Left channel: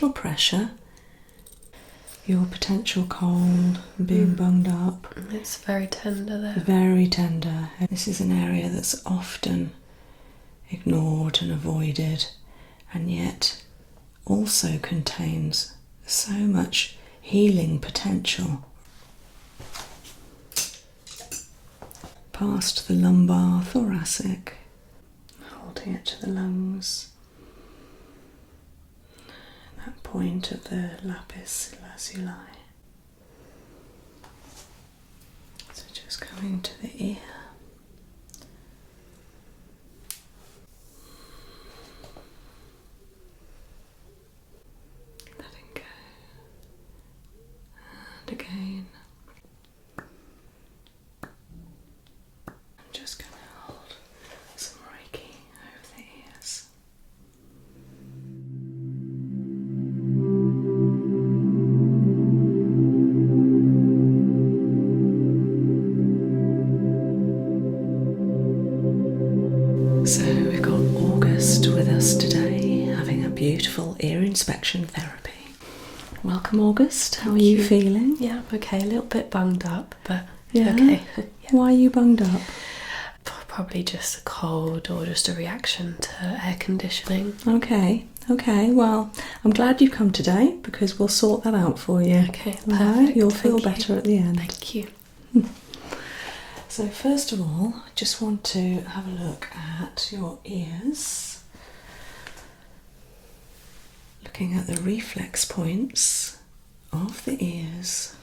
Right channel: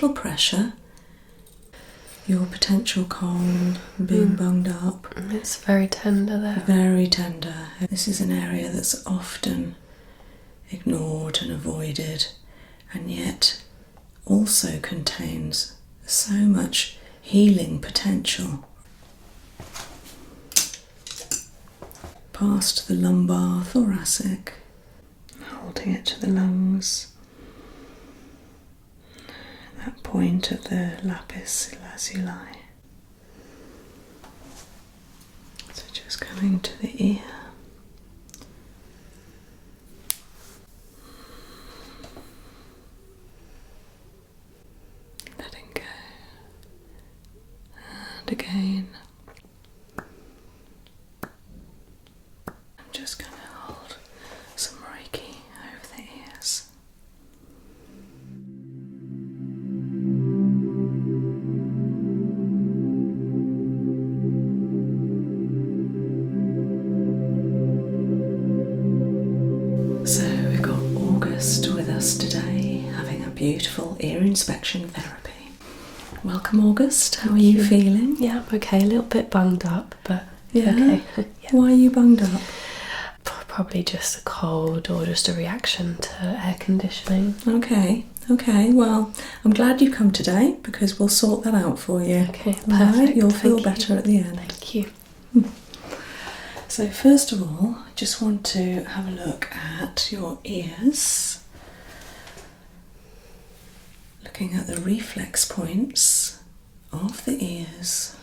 little pressure. Your potential colon being bunged up. It's very tender there. Very tender. This is an area that's often ignored and avoided, and yet also contains so much healing potential. Past the lumbar, thoracic, holding it to the lungs. That point of the lapis lazuli. So just coming to the ear. Letting go. And again. I'm just going to hold some reiki over the ears. So we've got August with us today, having a beautiful ear inspection therapy. Welcome, August. How are you feeling? Yeah, okay, a little bit bunged up, but Yeah. okay. Yeah. Why are you bunged up? Probably just a cold or just a reaction to air conditioning. Okay, well, I'm glad you've come today because we'll sort that out for you. Okay, All right, perfect. you'll feel Thank you. better at the end. Thank you. So first of all, I just want to have a look at your ears. Looking at the reflex points of the ears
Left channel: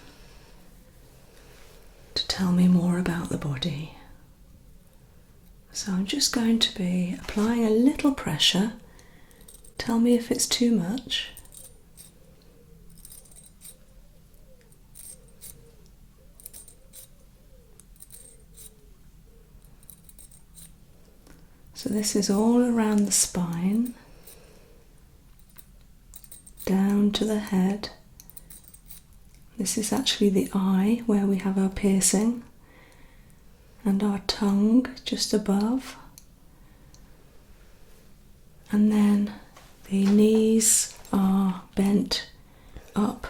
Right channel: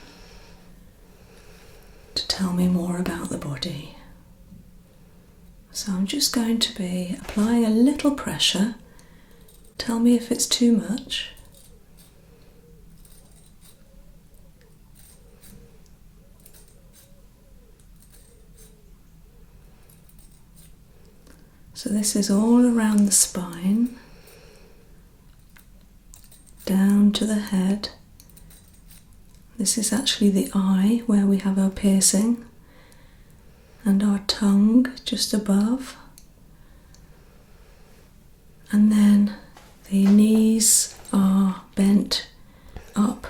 to tell me more about the body. So I'm just going to be applying a little pressure. Tell me if it's too much. So this is all around the spine, down to the head. This is actually the eye where we have our piercing, and our tongue just above. And then the knees are bent up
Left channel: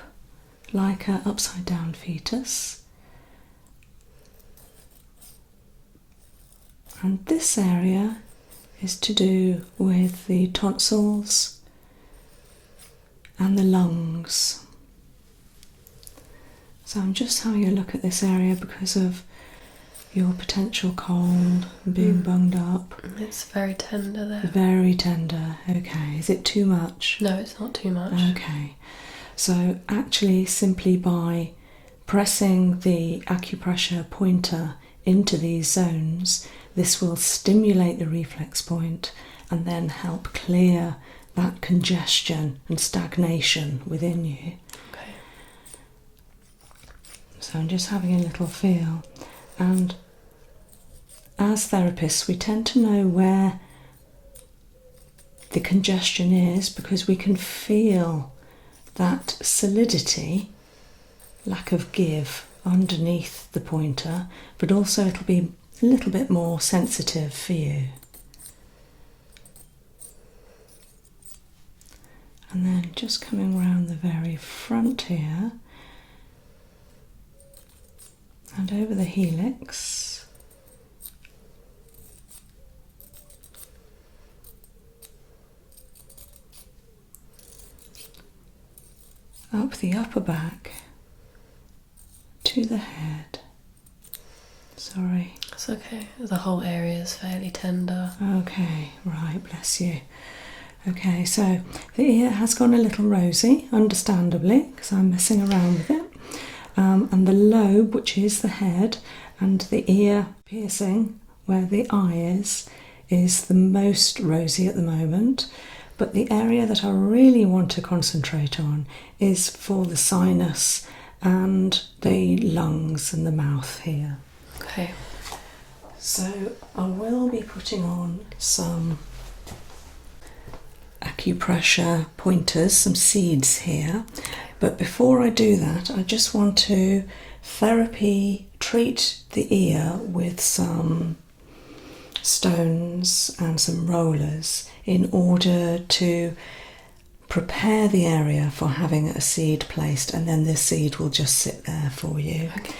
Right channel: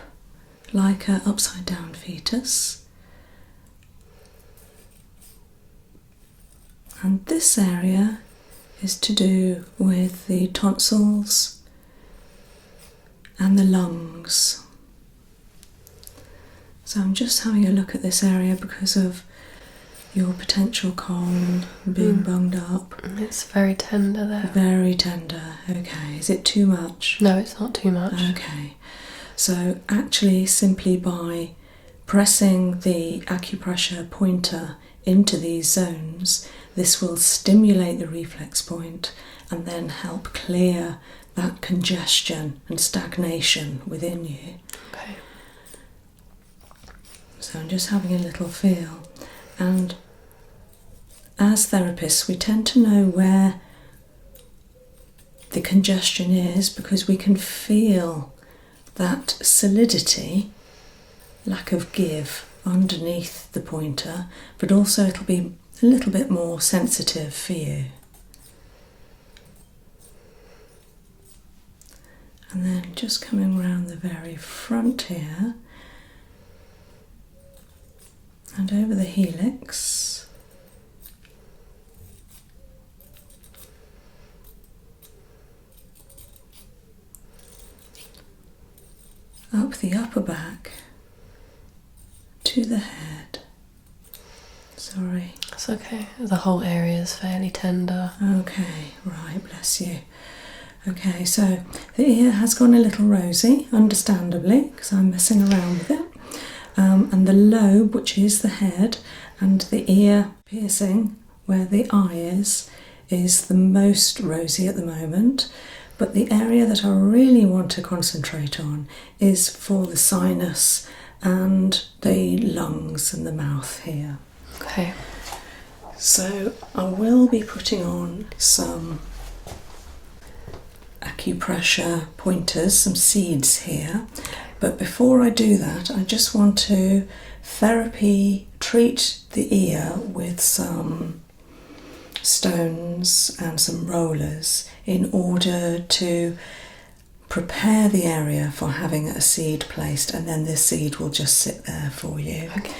like an upside down fetus. And this area is to do with the tonsils and the lungs. So I'm just having a look at this area because of your potential colon being bunged up. It's very tender there. Very tender. Okay, is it too much? No, it's not too much. Okay, so actually simply by pressing the acupressure pointer into these zones, this will stimulate the reflex point and then help clear that congestion and stagnation within you. Okay. So I'm just having a little feel. And as therapists, we tend to know where the congestion is because we can feel that solidity, lack of give underneath the pointer, but also it'll be a little bit more sensitive for you. And then just coming around the very front here and over the helix. Up the upper back to the head. Sorry. It's okay. The whole area is fairly tender. Okay, right, bless you. Okay, so the ear has gone a little rosy, understandably, because I'm messing around with it. And the lobe, which is the head, and the ear piercing, where the eye is the most rosy at the moment. But the area that I really want to concentrate on is for the sinus and the lungs and the mouth here. Okay. So I will be putting on some acupressure pointers, some seeds here. But before I do that, I just want to treat the ear with some stones and some rollers in order to prepare the area for having a seed placed, and then this seed will just sit there for you. Okay.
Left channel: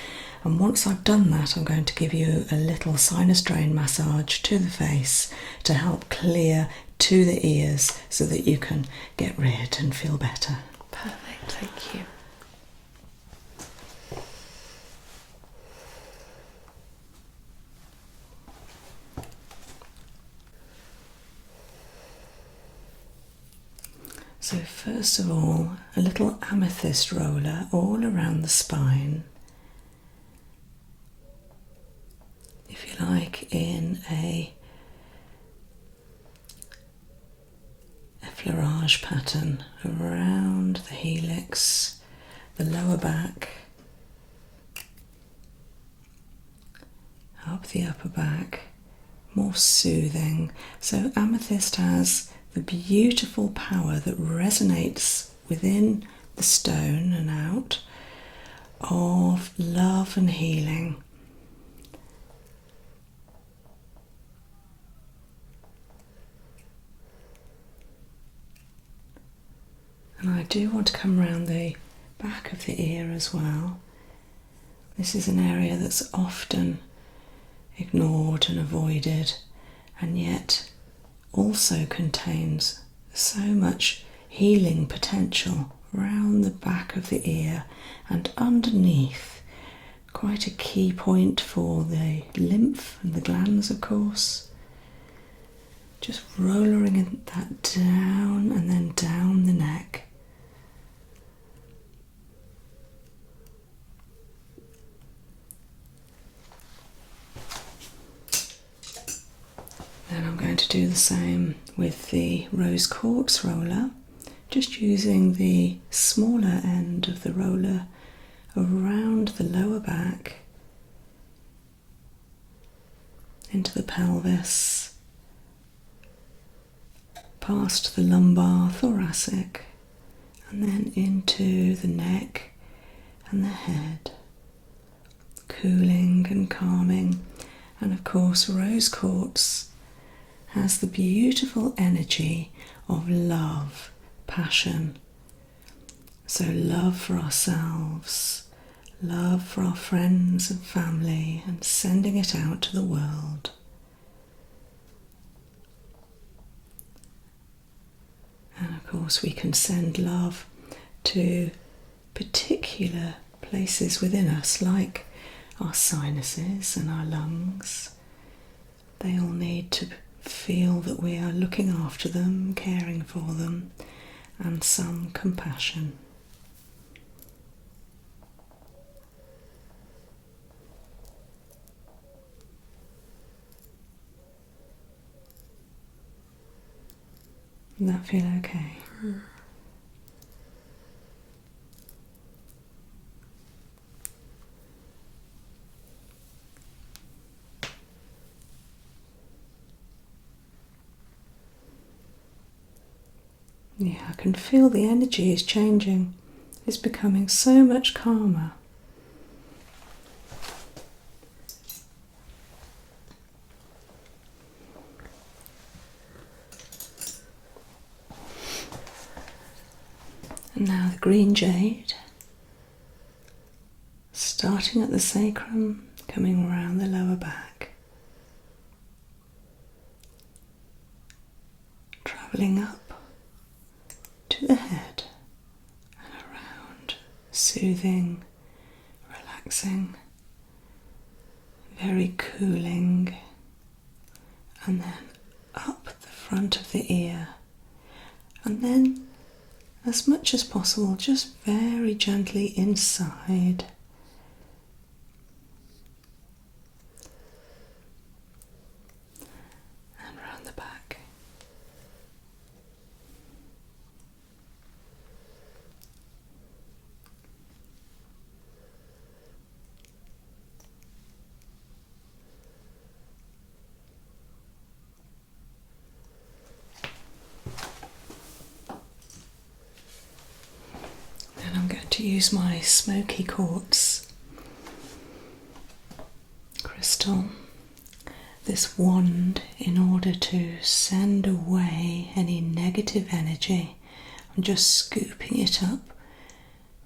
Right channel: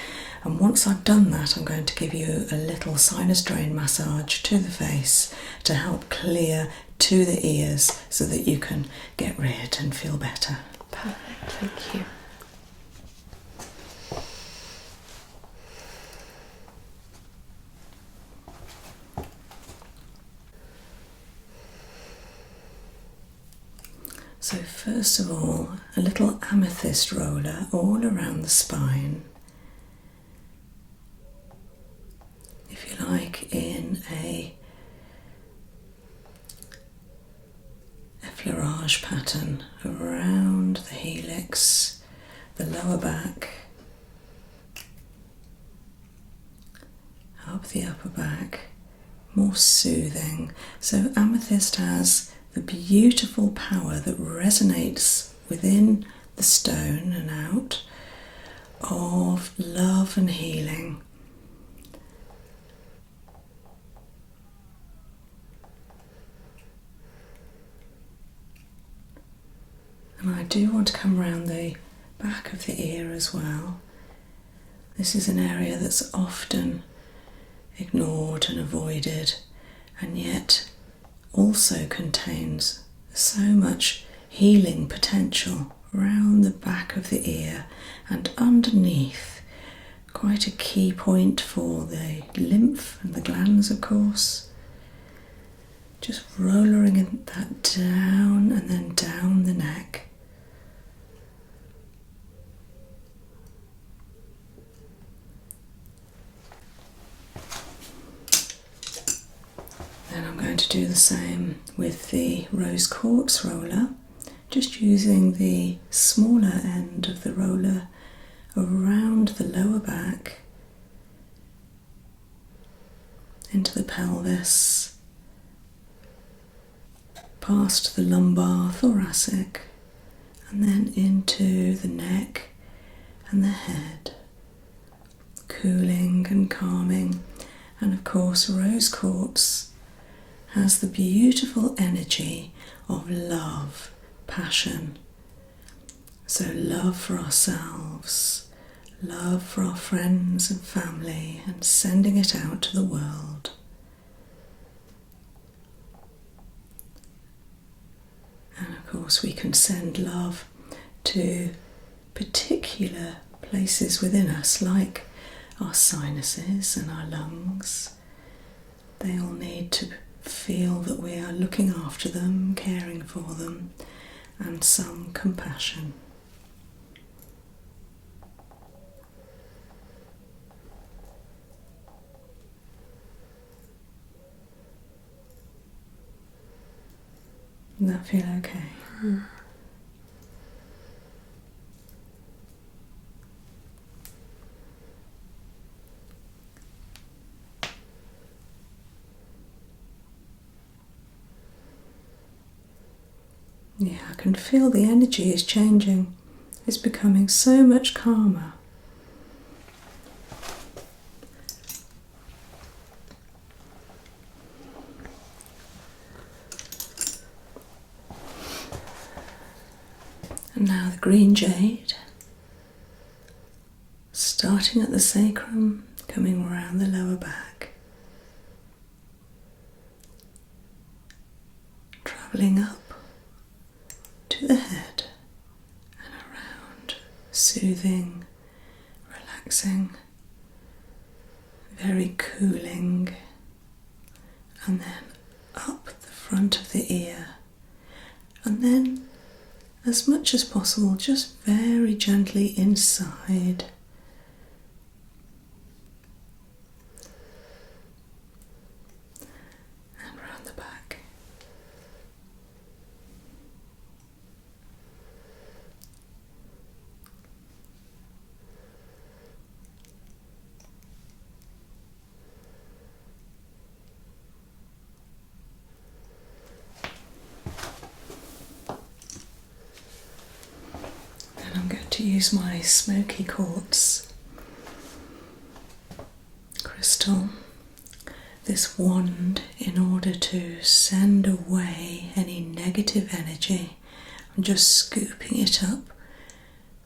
And once I've done that, I'm going to give you a little sinus drain massage to the face to help clear to the ears so that you can get rid and feel better. Perfect, thank you. So first of all, a little amethyst roller all around the spine. If you like, in a effleurage pattern around the helix, the lower back, up the upper back, more soothing. So amethyst has the beautiful power that resonates within the stone and out of love and healing. And I do want to come around the back of the ear as well. This is an area that's often ignored and avoided, and yet also contains so much healing potential around the back of the ear and underneath. Quite a key point for the lymph and the glands, of course. Just rolling that down and then down the neck. Then I'm going to do the same with the rose quartz roller, just using the smaller end of the roller around the lower back, into the pelvis, past the lumbar, thoracic, and then into the neck and the head, cooling and calming. And of course, rose quartz has the beautiful energy of love, passion. So love for ourselves, love for our friends and family, and sending it out to the world. And of course we can send love to particular places within us, like our sinuses and our lungs. They all need to feel that we are looking after them, caring for them, and some compassion. Does that feel okay? Yeah, I can feel the energy is changing. It's becoming so much calmer. And now the green jade, starting at the sacrum, coming around the lower back, travelling up to the head and around, soothing, relaxing, very cooling, and then up the front of the ear, and then as much as possible just very gently inside. And round the back. To use my smoky quartz crystal, this wand, in order to send away any negative energy and just scooping it up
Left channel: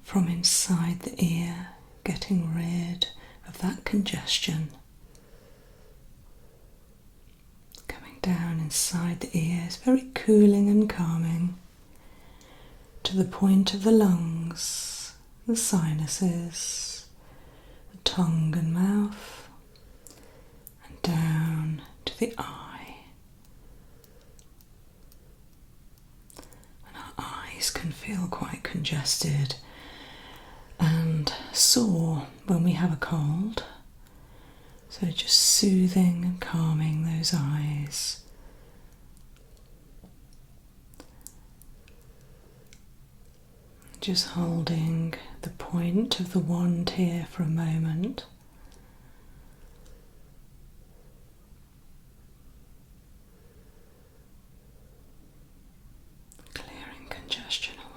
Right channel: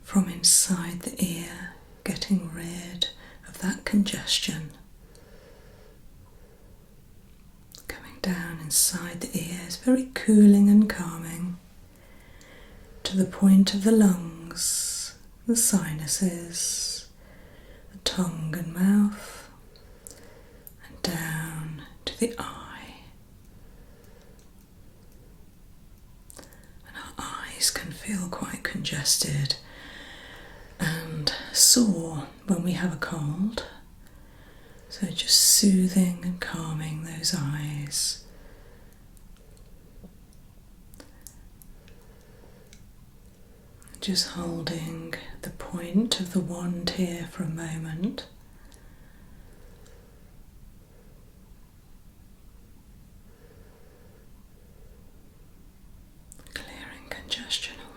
from inside the ear, getting rid of that congestion. Coming down inside the ears, very cooling and calming, to the point of the lungs, the sinuses, the tongue and mouth, and down to the eye. And our eyes can feel quite congested and sore when we have a cold, so just soothing and calming those eyes. Just holding the point of the wand here for a moment. Clearing congestion away.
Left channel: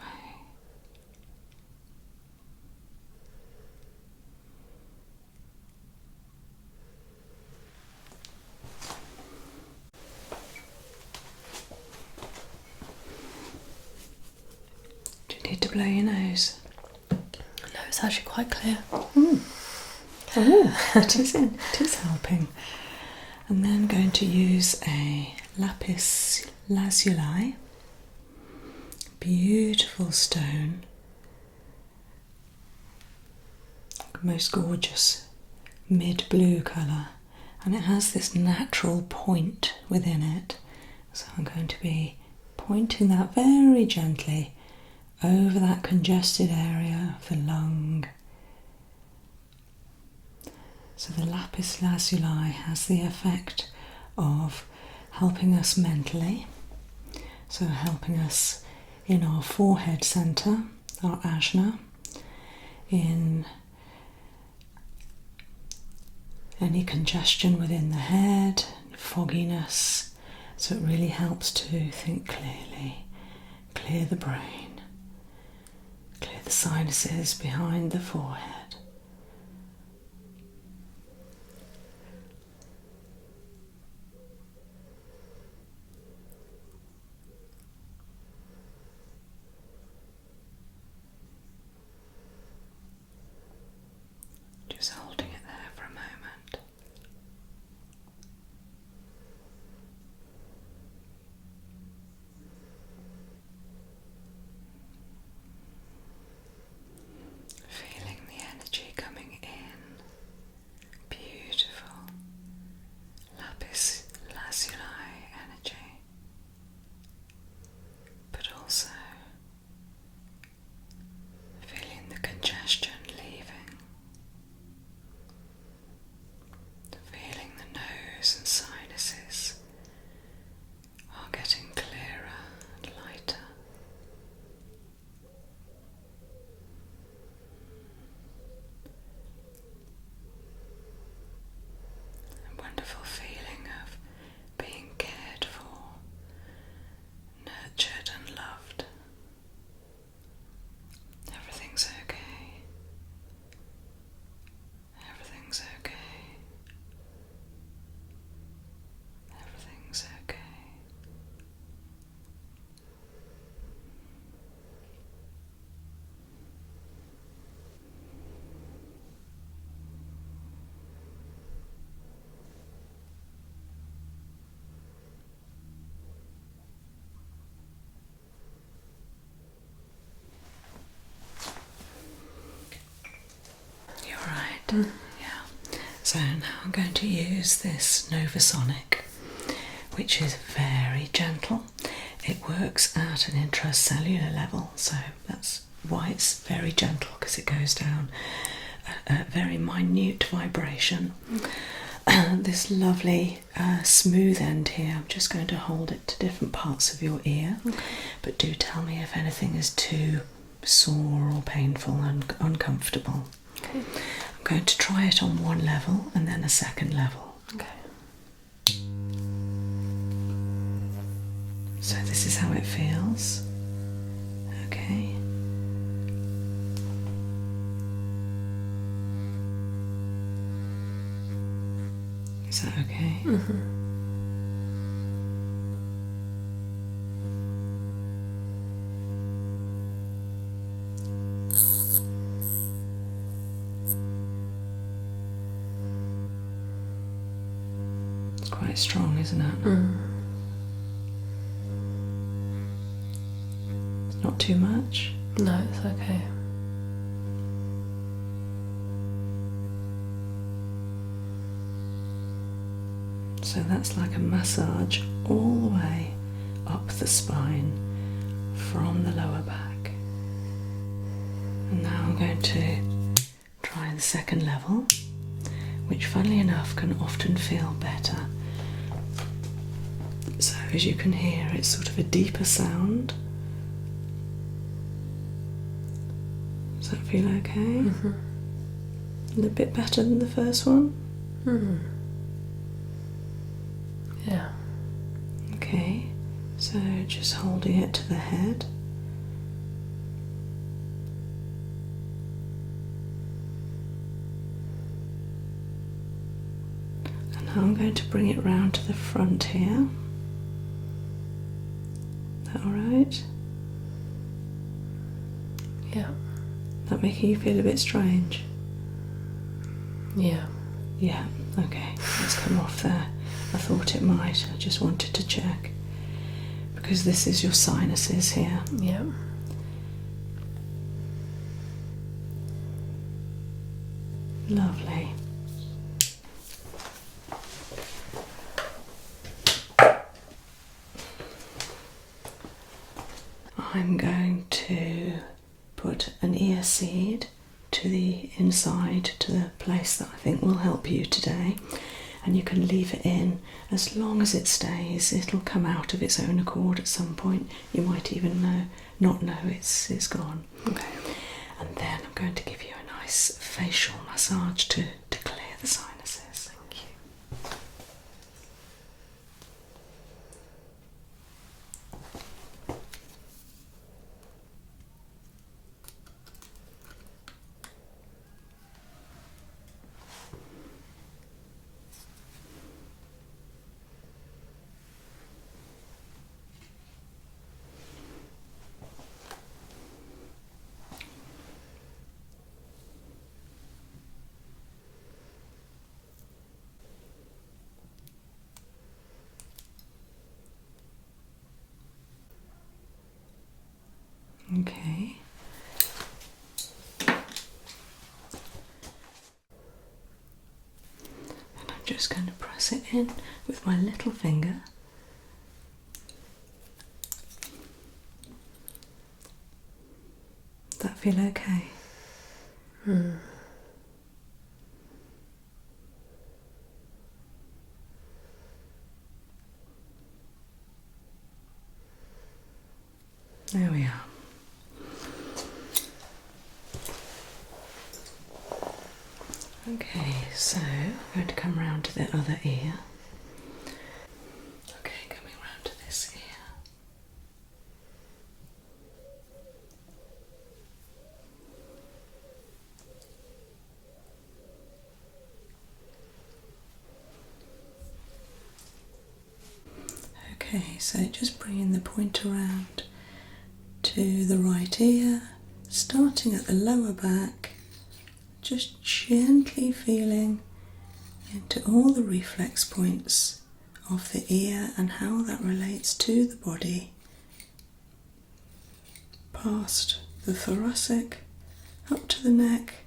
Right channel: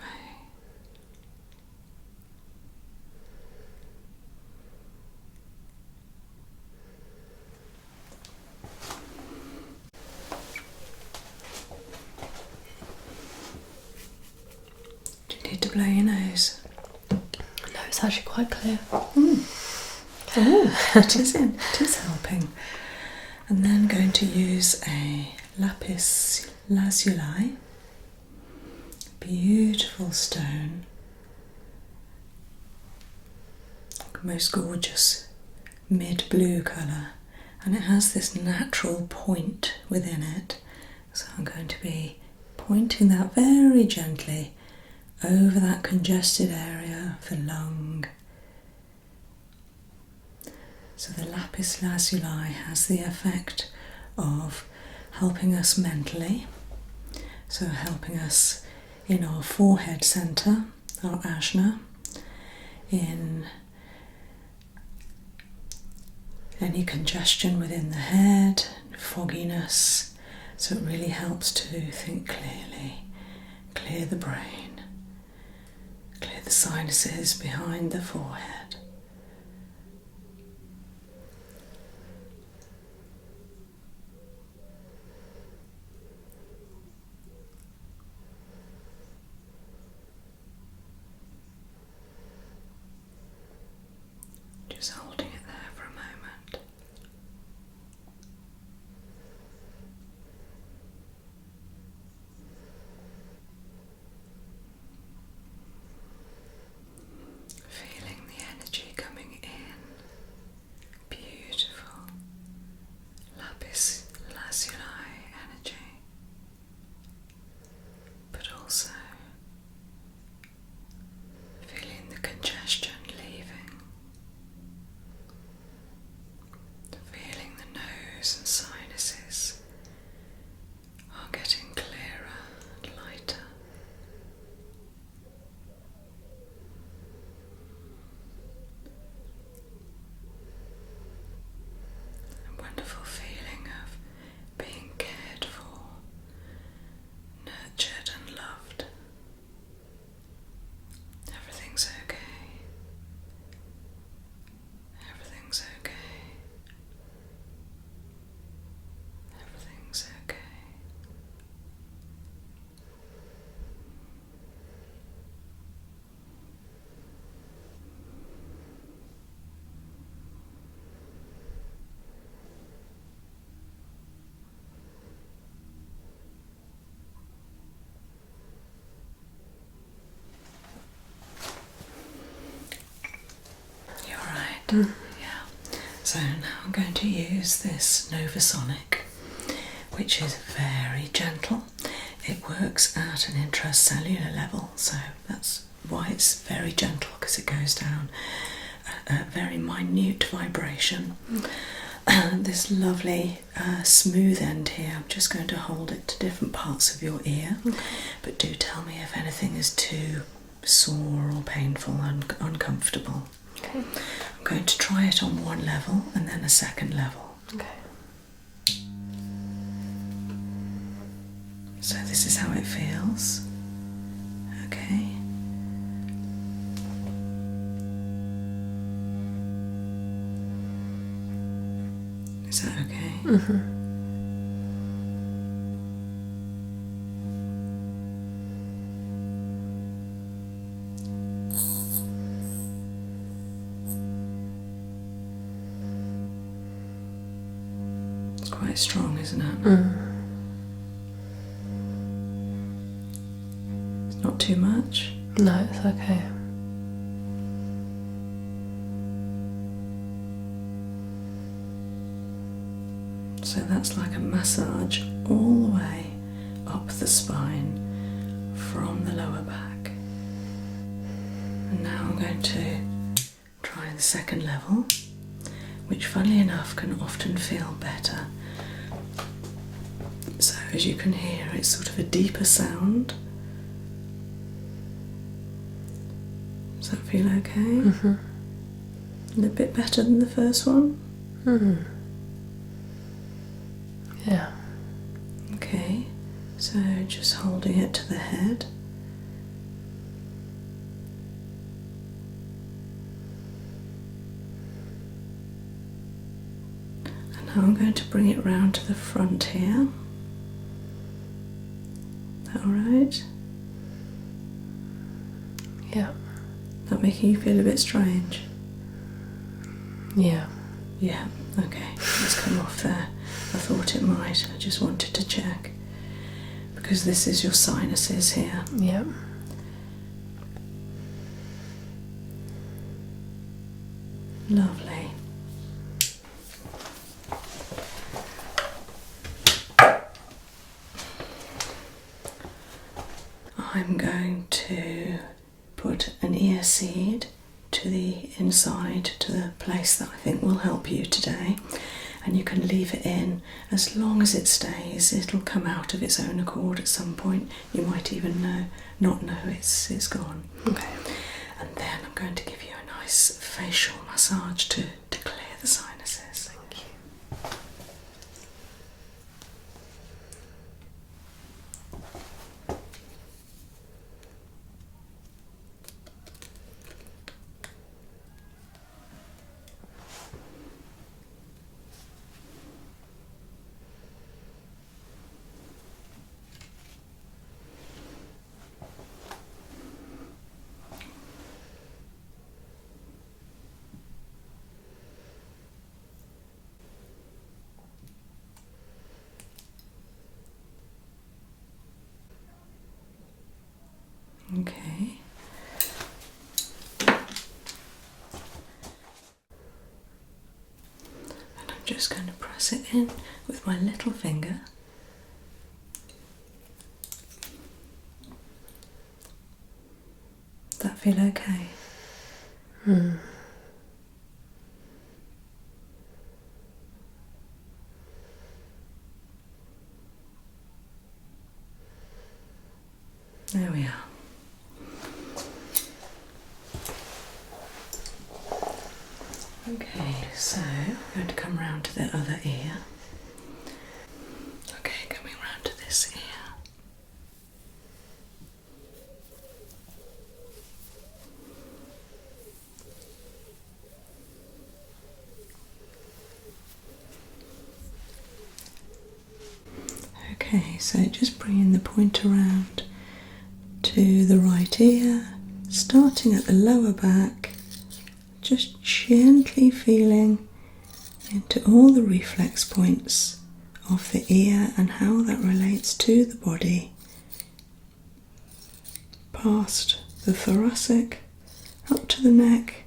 Do you need to blow your nose? No, it's actually quite clear. Oh, it is helping. And then going to use a lapis lazuli, beautiful stone, most gorgeous mid-blue colour, and it has this natural point within it. So I'm going to be pointing that very gently over that congested area of the lung. So the lapis lazuli has the effect of helping us mentally, so helping us in our forehead centre, our ajna, in any congestion within the head, fogginess, so it really helps to think clearly, clear the brain, clear the sinuses behind the forehead. Just holding it there for a moment. Feeling the energy coming in. Beautiful lapis lazuli energy. But also feeling the congestion leaving. Feeling the nose and sinuses are getting clearer and lighter. A wonderful feeling of being cared for, nurtured and loved. Everything's okay. Everything's okay. Everything's okay. You're right. Yeah. So now I'm going to use this novasonic, which is very gentle. It works at an intracellular level, so that's why it's very gentle, because it goes down a very minute vibration. This lovely smooth end here, I'm just going to hold it to different parts of your ear, but do tell me if anything is too sore or painful and uncomfortable. Okay. I'm going to try it on one level and then a second level. Okay. So this is how it feels. Okay. Is that okay? Mm-hmm. quite strong, isn't it? It's not too much? No, it's okay. So that's like a massage all the way up the spine from the lower back. And now I'm going to try the second level, which funnily enough can often feel better. So as you can hear, it's sort of a deeper sound. Does that feel okay? A bit better than the first one? Yeah. Okay, so just holding it to the head. And now I'm going to bring it round to the front here. Is that alright? Yeah. That making you feel a bit strange? Yeah. Yeah, okay, let's come off there. I thought it might, I just wanted to check. Because this is your sinuses here. Yeah. Lovely. I'm going to put an ear seed to the inside, to the place that I think will help you today. And you can leave it in as long as it stays. It'll come out of its own accord at some point. You might even not know it's gone. Okay. And then I'm going to give you a nice facial massage to clear the sinuses. Thank you. Okay. And I'm just going to press it in with my little finger. Does that feel okay? There we are. Okay, so I'm going to come round to the other ear. Okay, coming round to this ear. Okay, so just bringing the point around to the right ear, starting at the lower back, just gently feeling into all the reflex points of the ear and how that relates to the body, past the thoracic, up to the neck,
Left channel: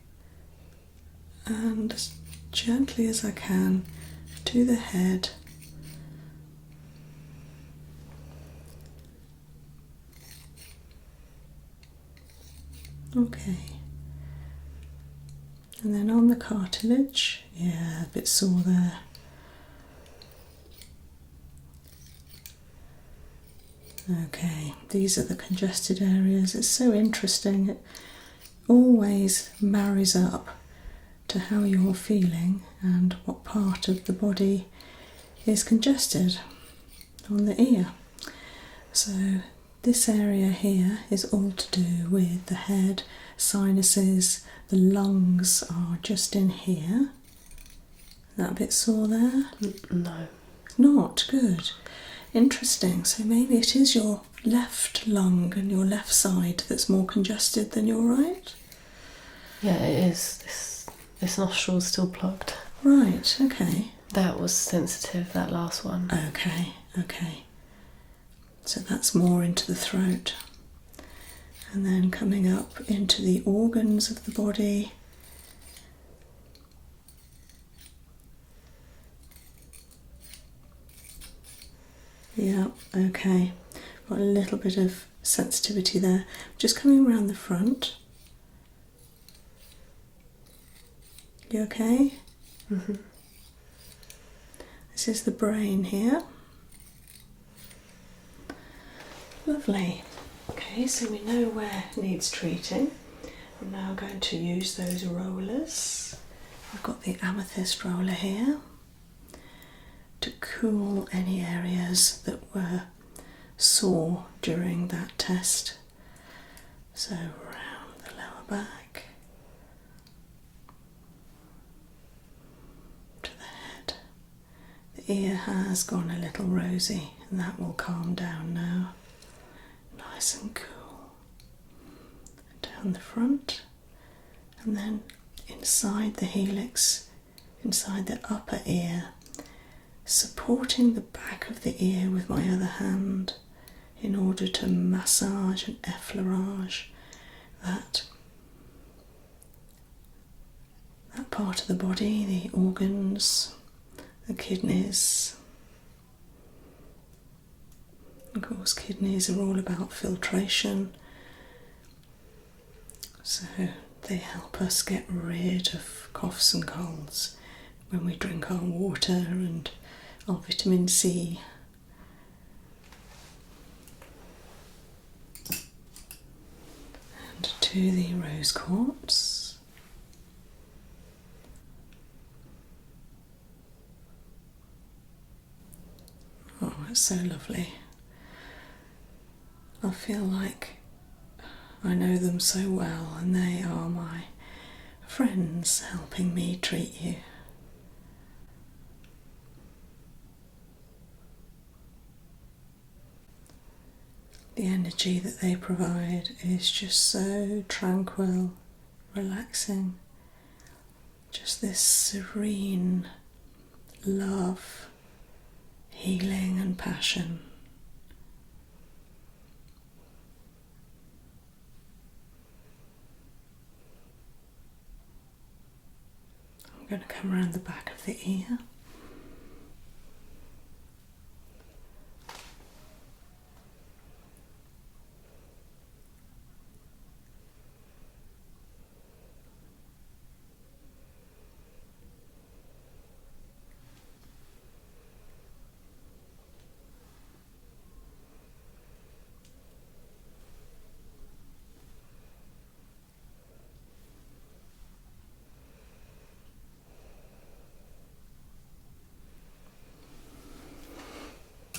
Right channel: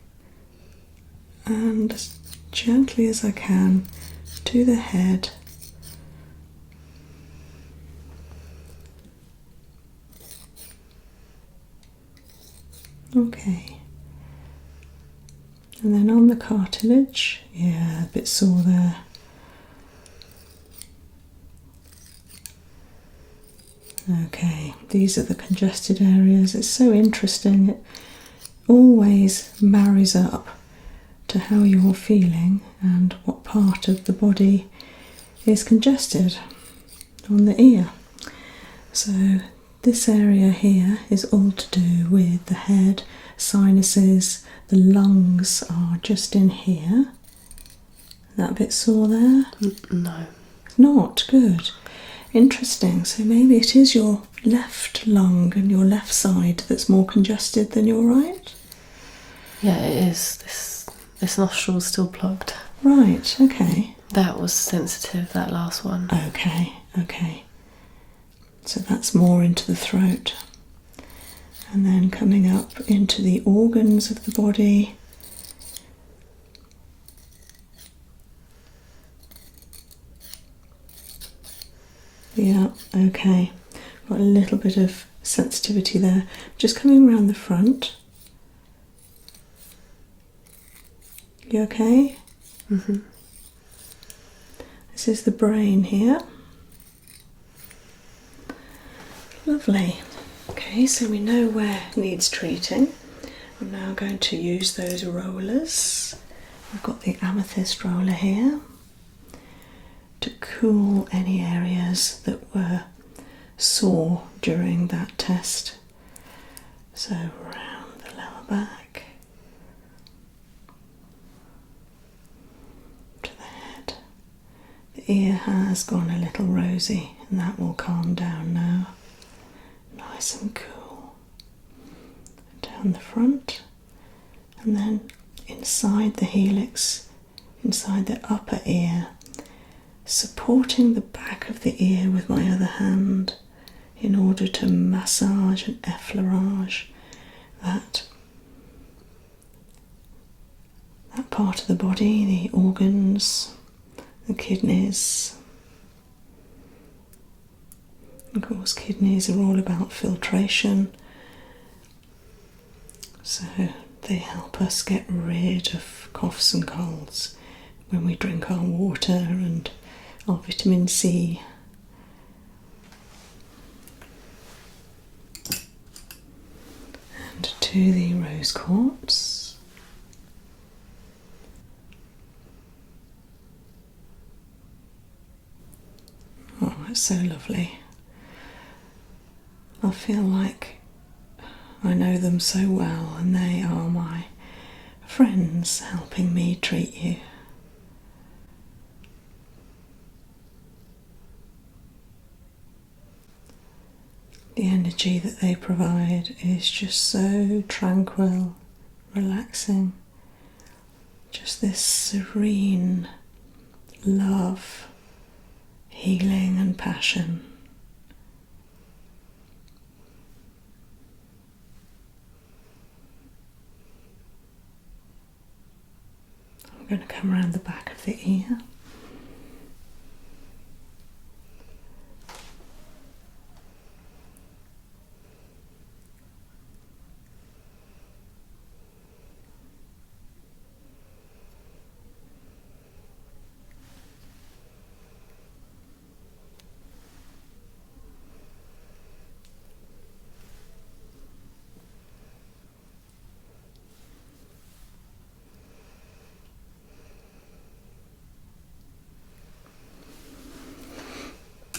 and as gently as I can to the head. Okay. And then on the cartilage, yeah, a bit sore there. Okay, these are the congested areas. It's so interesting. It always marries up to how you're feeling and what part of the body is congested on the ear. So this area here is all to do with the head, sinuses. The lungs are just in here. That bit sore there? No. Not good. Interesting. So maybe it is your left lung and your left side that's more congested than your right? Yeah, it is. This nostril's still plugged. Right, okay. That was sensitive, that last one. Okay, okay. So that's more into the throat. And then coming up into the organs of the body. Yeah, okay. Got a little bit of sensitivity there. Just coming around the front. You okay? Mm-hmm. This is the brain here. Lovely. Okay, so we know where needs treating. I'm now going to use those rollers. I've got the amethyst roller here to cool any areas that were sore during that test. So round the lower back to the head. The ear has gone a little rosy and that will calm down now. Nice and cool. Down the front and then inside the helix, inside the upper ear, supporting the back of the ear with my other hand in order to massage and effleurage that part of the body, the organs, the kidneys. Of course, kidneys are all about filtration, so they help us get rid of coughs and colds when we drink our water and our vitamin C. And to the rose quartz. Oh, it's so lovely. I feel like I know them so well and they are my friends helping me treat you. The energy that they provide is just so tranquil, relaxing. Just this serene love, healing and passion. I'm going to come around the back of the ear.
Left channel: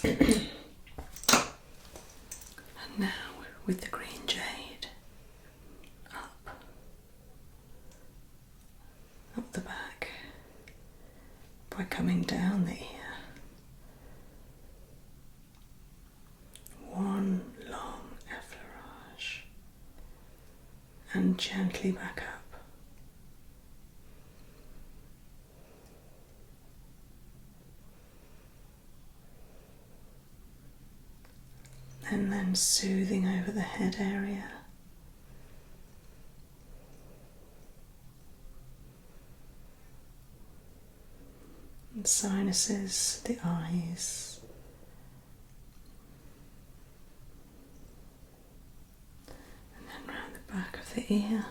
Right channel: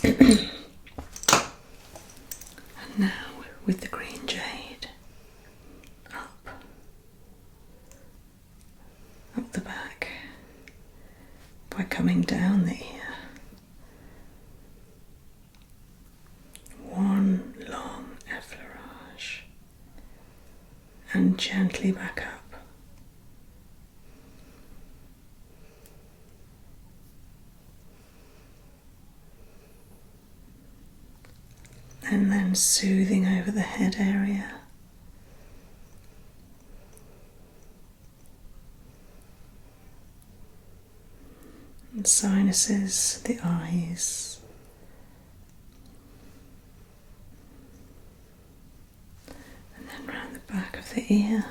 And now with the green jade, up the back by coming down the ear. One long effleurage and gently back up. And then soothing over the head area. And sinuses, the eyes. And then round the back of the ear.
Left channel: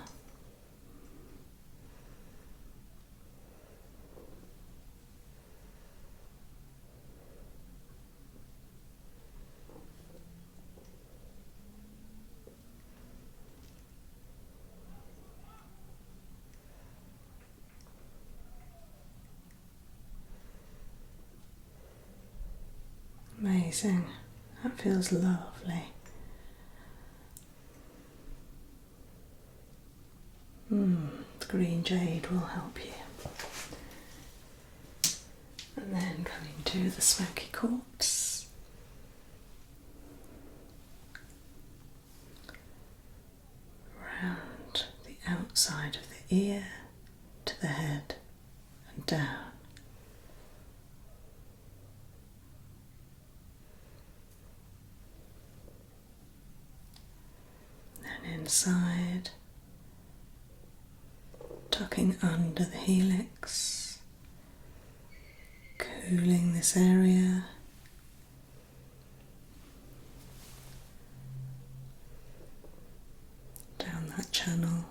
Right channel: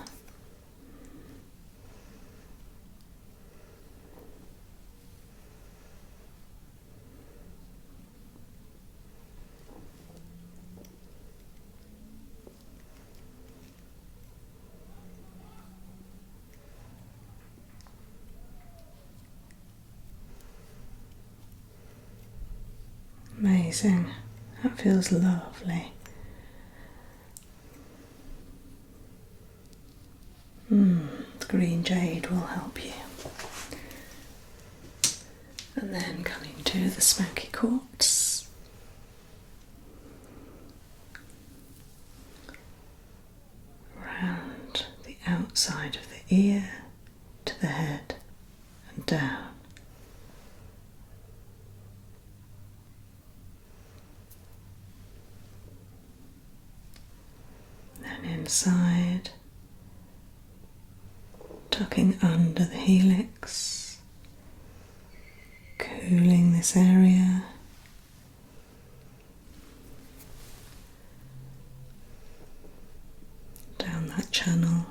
Amazing. That feels lovely. The green jade will help you. And then coming to the smoky quartz. Round the outside of the ear to the head and down. inside, tucking under the helix, cooling this area. Down that channel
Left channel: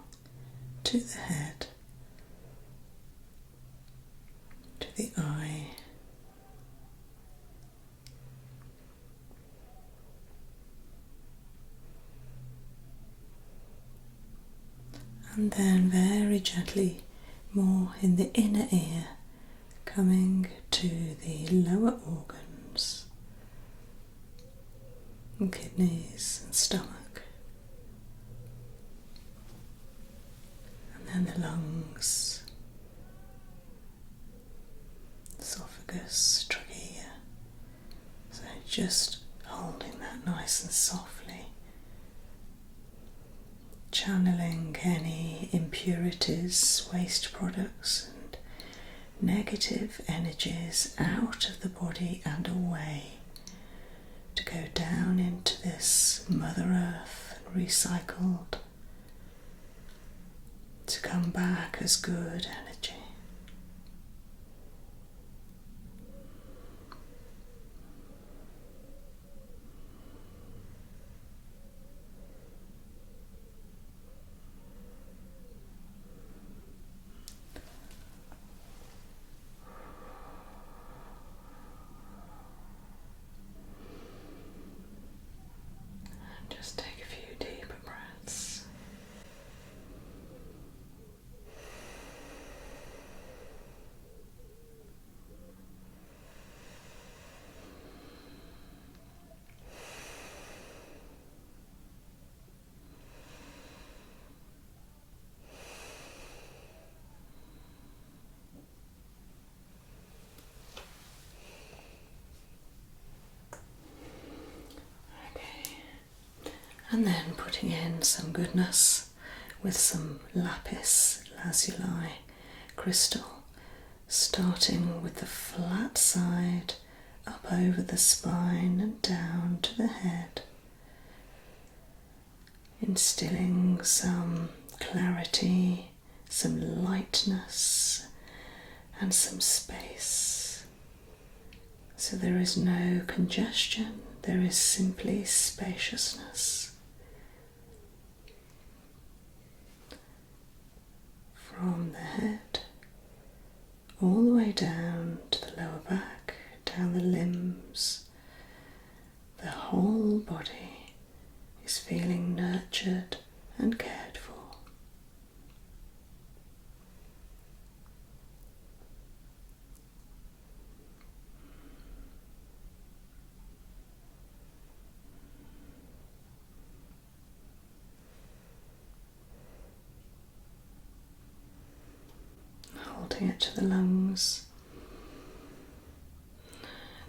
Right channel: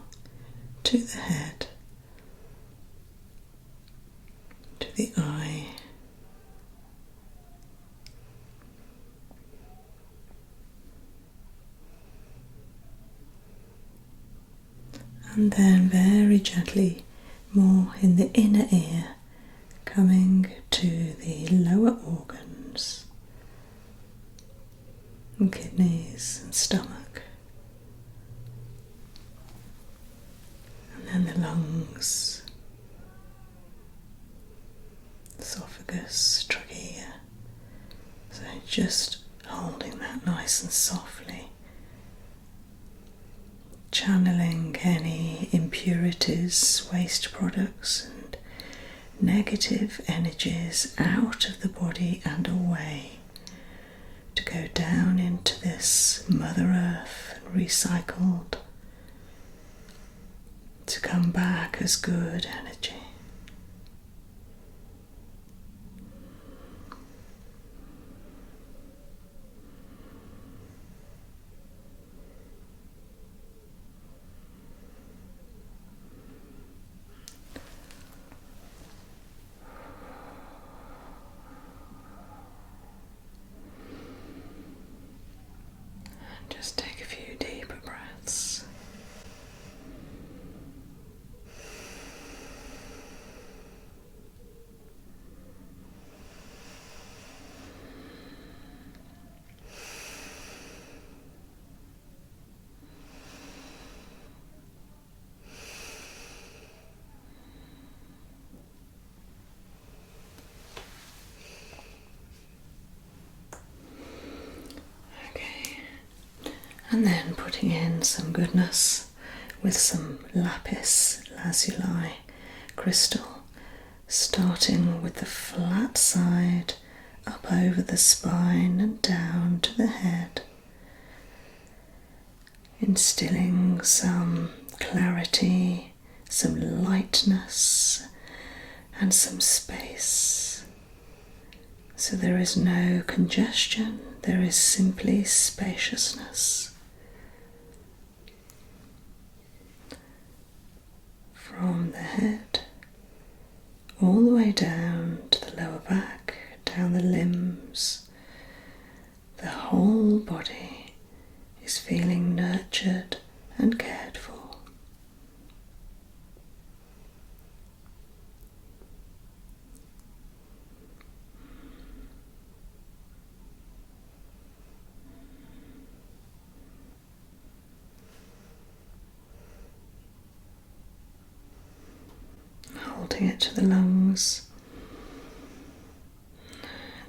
to the head, to the eye. And then very gently, more in the inner ear, coming to the lower organs, and kidneys and stomach, and then the lungs, esophagus, trachea. So just holding that nice and softly, channeling any impurities, waste products and negative energies out of the body and away to go down into this Mother Earth, recycled, to come back as good energy. Just take a few deeper breaths. And then putting in some goodness with some lapis lazuli crystal, starting with the flat side up over the spine and down to the head, instilling some clarity, some lightness and some space. So there is no congestion, there is simply spaciousness. From the head all the way down to the lower back, down the limbs, the whole body is feeling nurtured and cared for. Holding it to the lungs,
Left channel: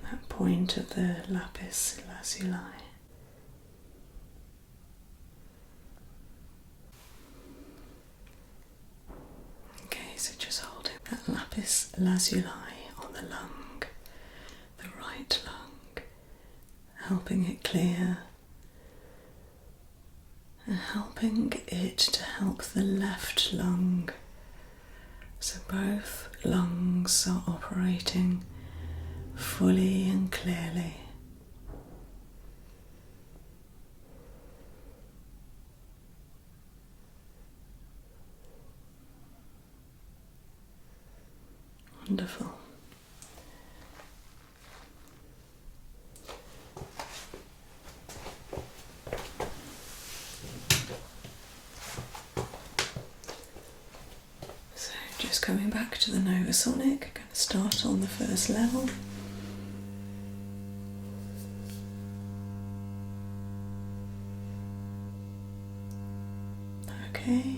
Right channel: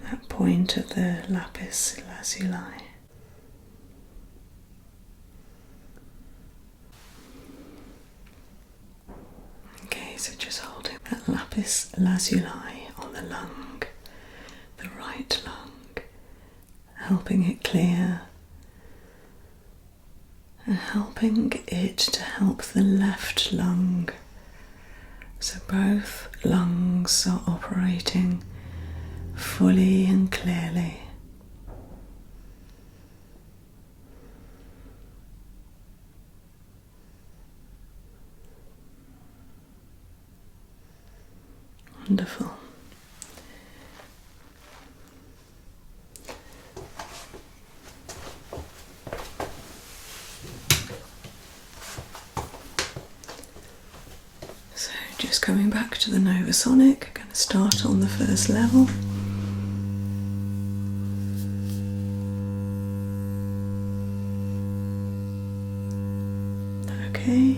that point of the lapis lazuli. Okay, so just holding that lapis lazuli on the lung, the right lung, helping it clear and helping it to help the left lung. So both lungs are operating fully and clearly. Wonderful. Just coming back to the novasonic, going to start on the first level. Okay.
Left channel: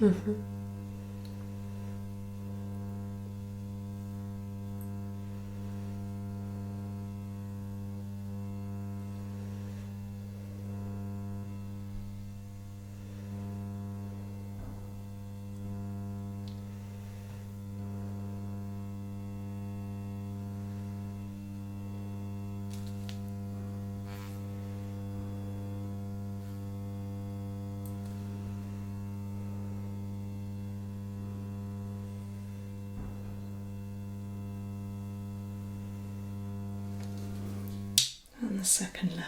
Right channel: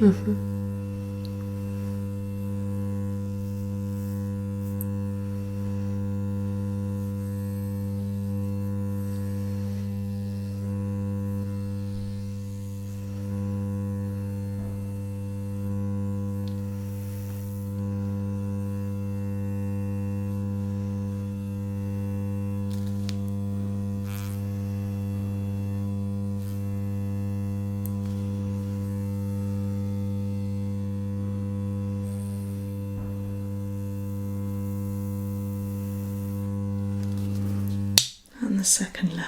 the second level.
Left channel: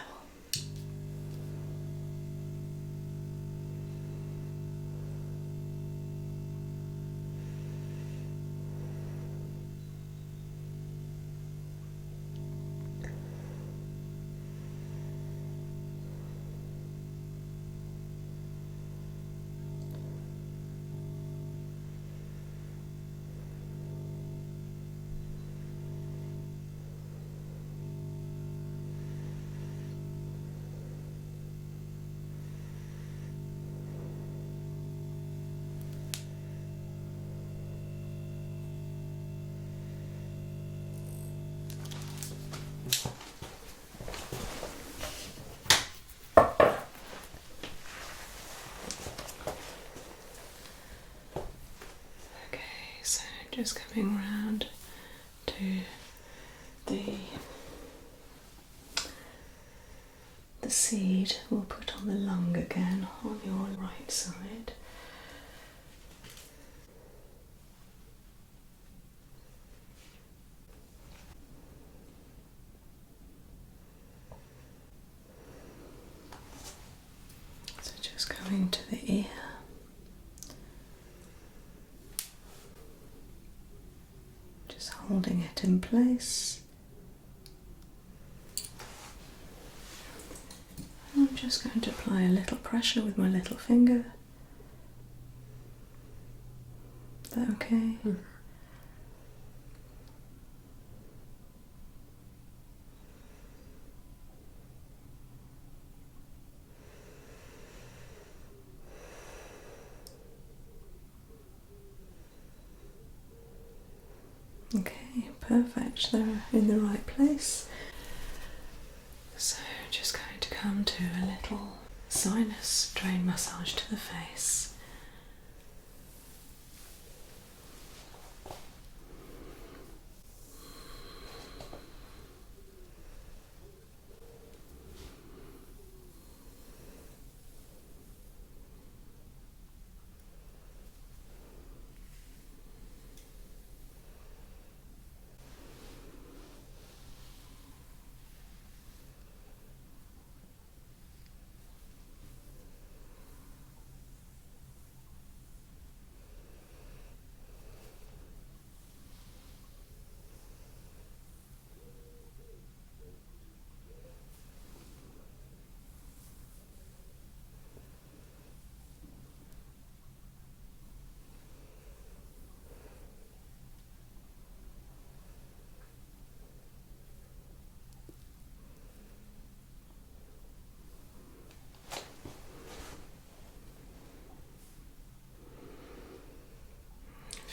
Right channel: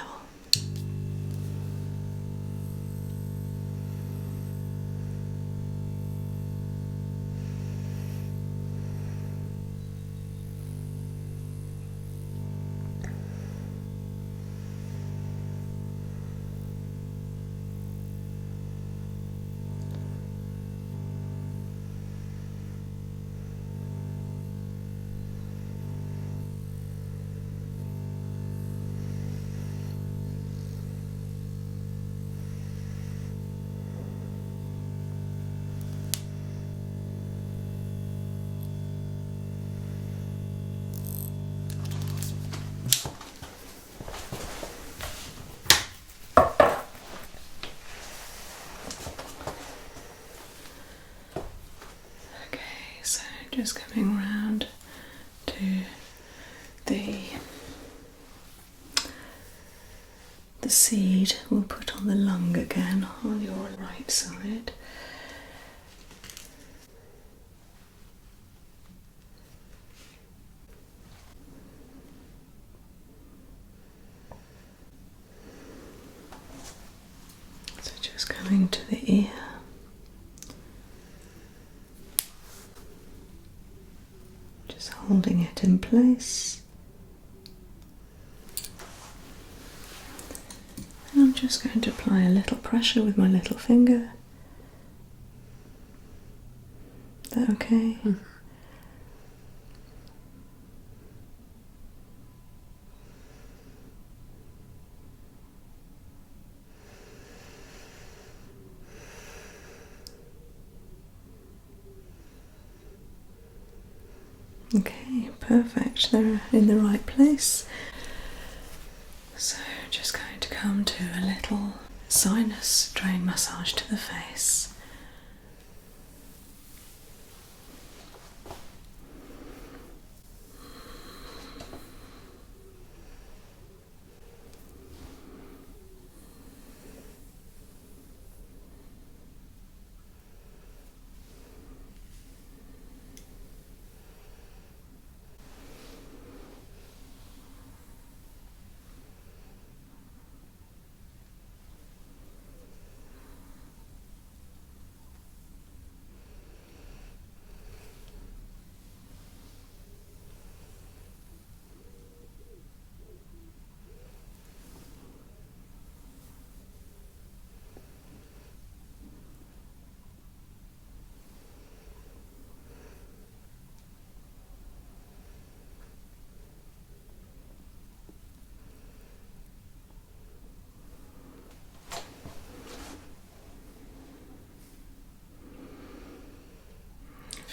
Just coming round to the seed we'll put on the lung again on your right side. So just coming to the ear. Holding it in place. And I'm just going to apply a little pressure with my little finger. Is that okay? Mm. Okay, perfect. They're in the right place. So just going to come to a little sinus drain massage to the face.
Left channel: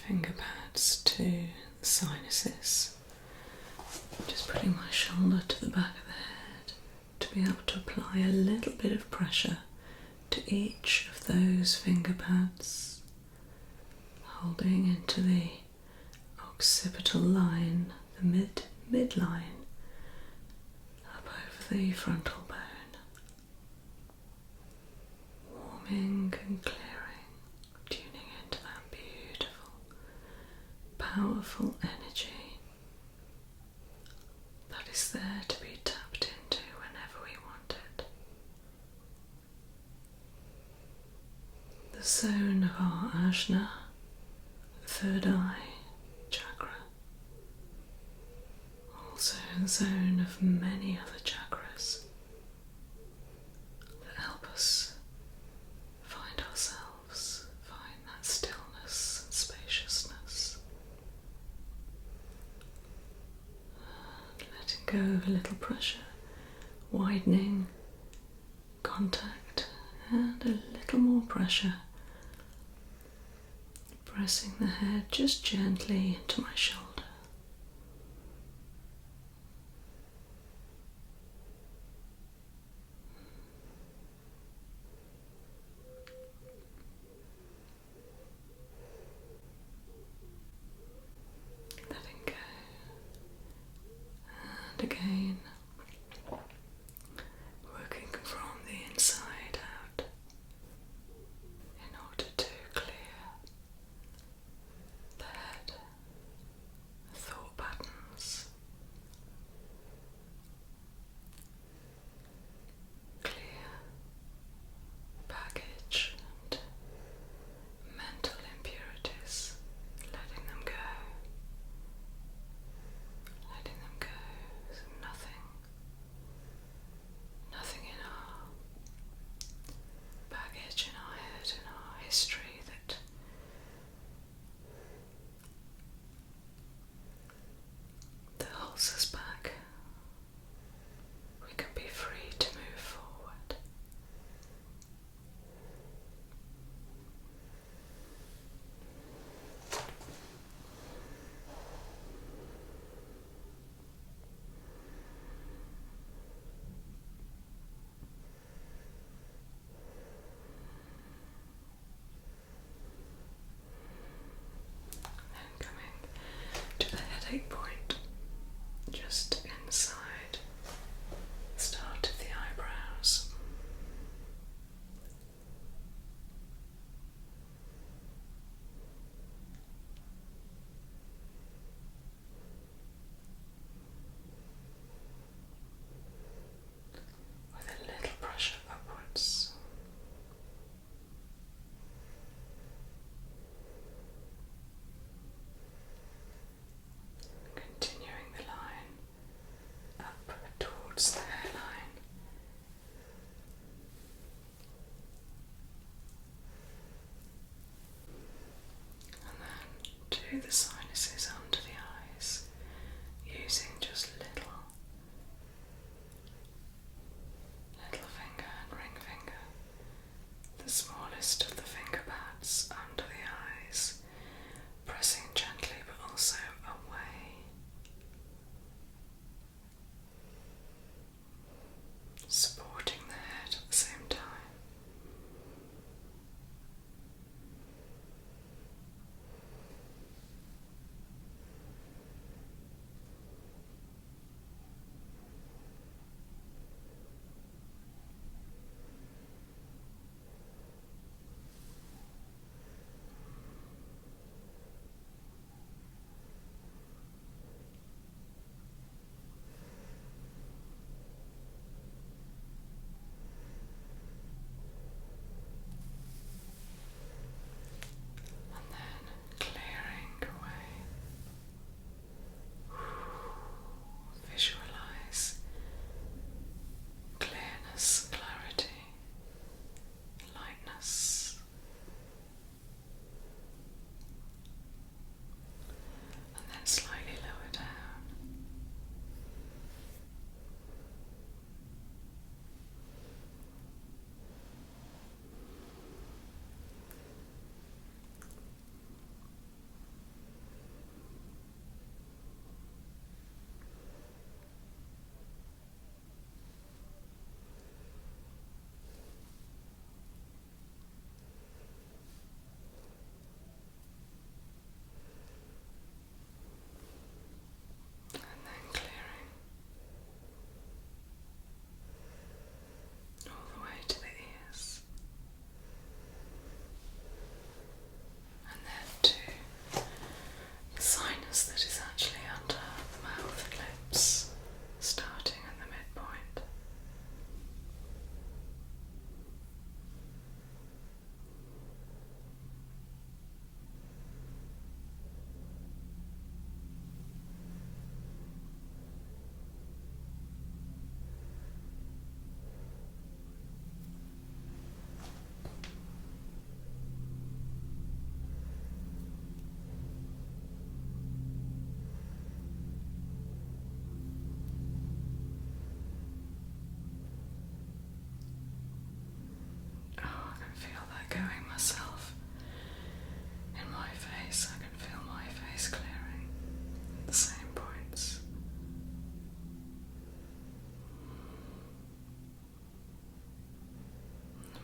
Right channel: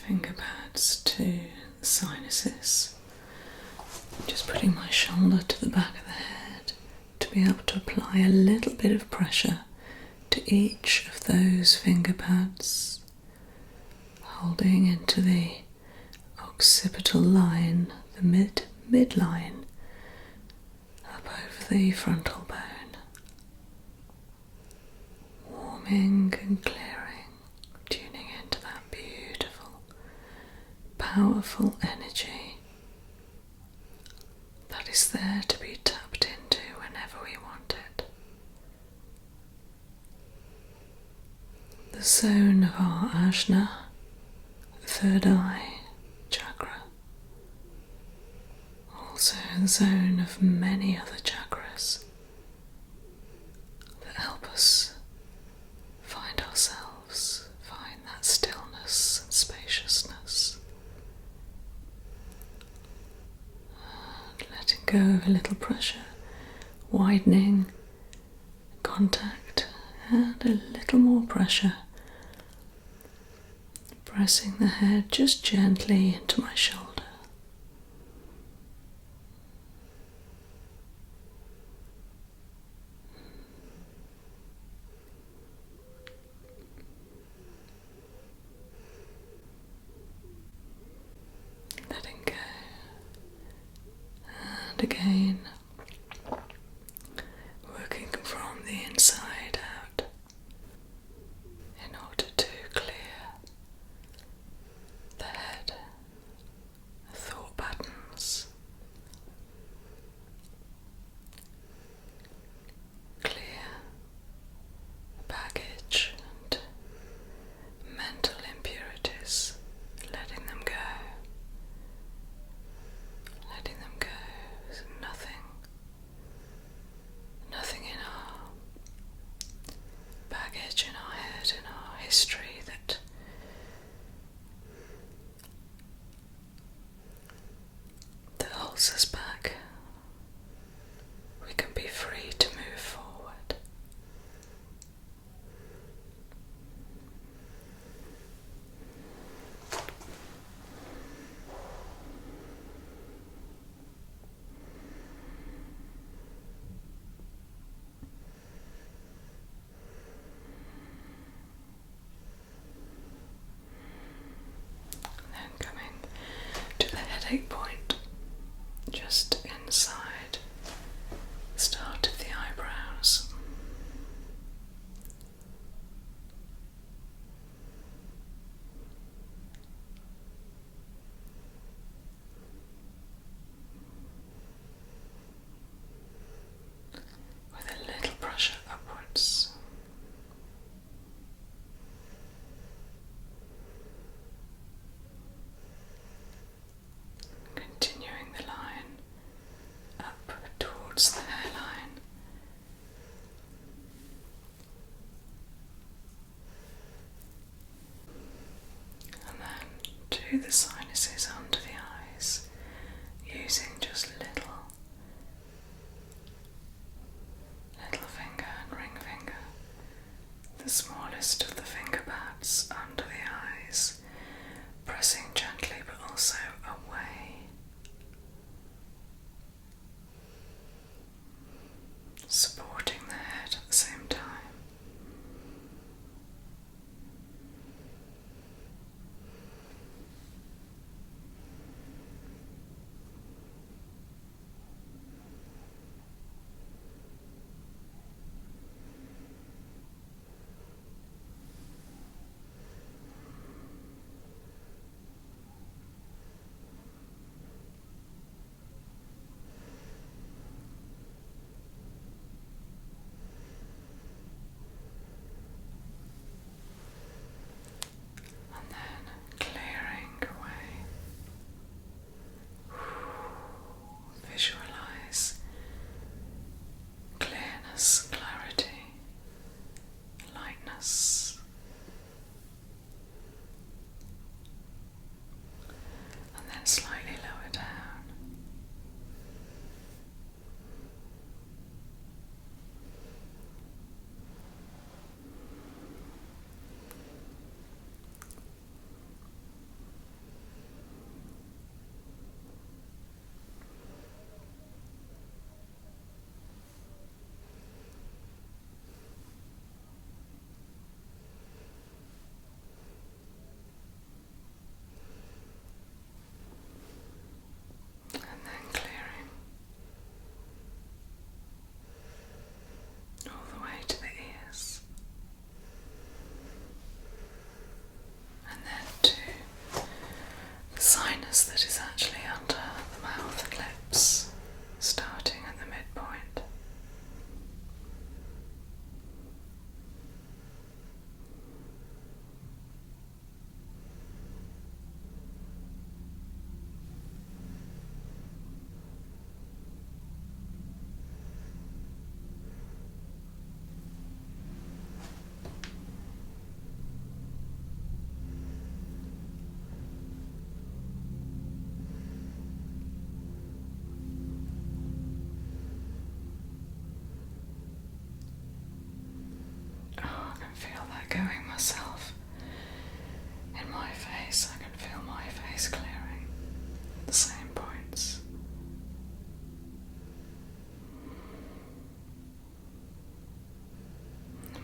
Finger pads to the sinuses. Just putting my shoulder to the back of the head to be able to apply a little bit of pressure to each of those finger pads, holding into the occipital line, the midline, up over the frontal bone, warming and clearing. Powerful energy that is there to be tapped into whenever we want it. The zone of our ajna, the third eye chakra, also the zone of many other chakras that help us find ourselves, find that stillness and spaciousness. Go of a little pressure, widening contact, and a little more pressure, pressing the head just gently into my shoulder. Letting go. And again, working from the inside out in order to clear the head, to the sinuses under the eyes using just little finger and ring finger, the smallest of the finger pads under the eyes, pressing gently but also away, supporting the head at the same time. Visualize clearness, clarity, lightness, and then slightly lower down. And then clearing all the way to the ears, and then to the sinus that is actually under the mouth and lips, starting at the midpoint. Feel that going myself. In my face, I can feel my face clearing at the same points.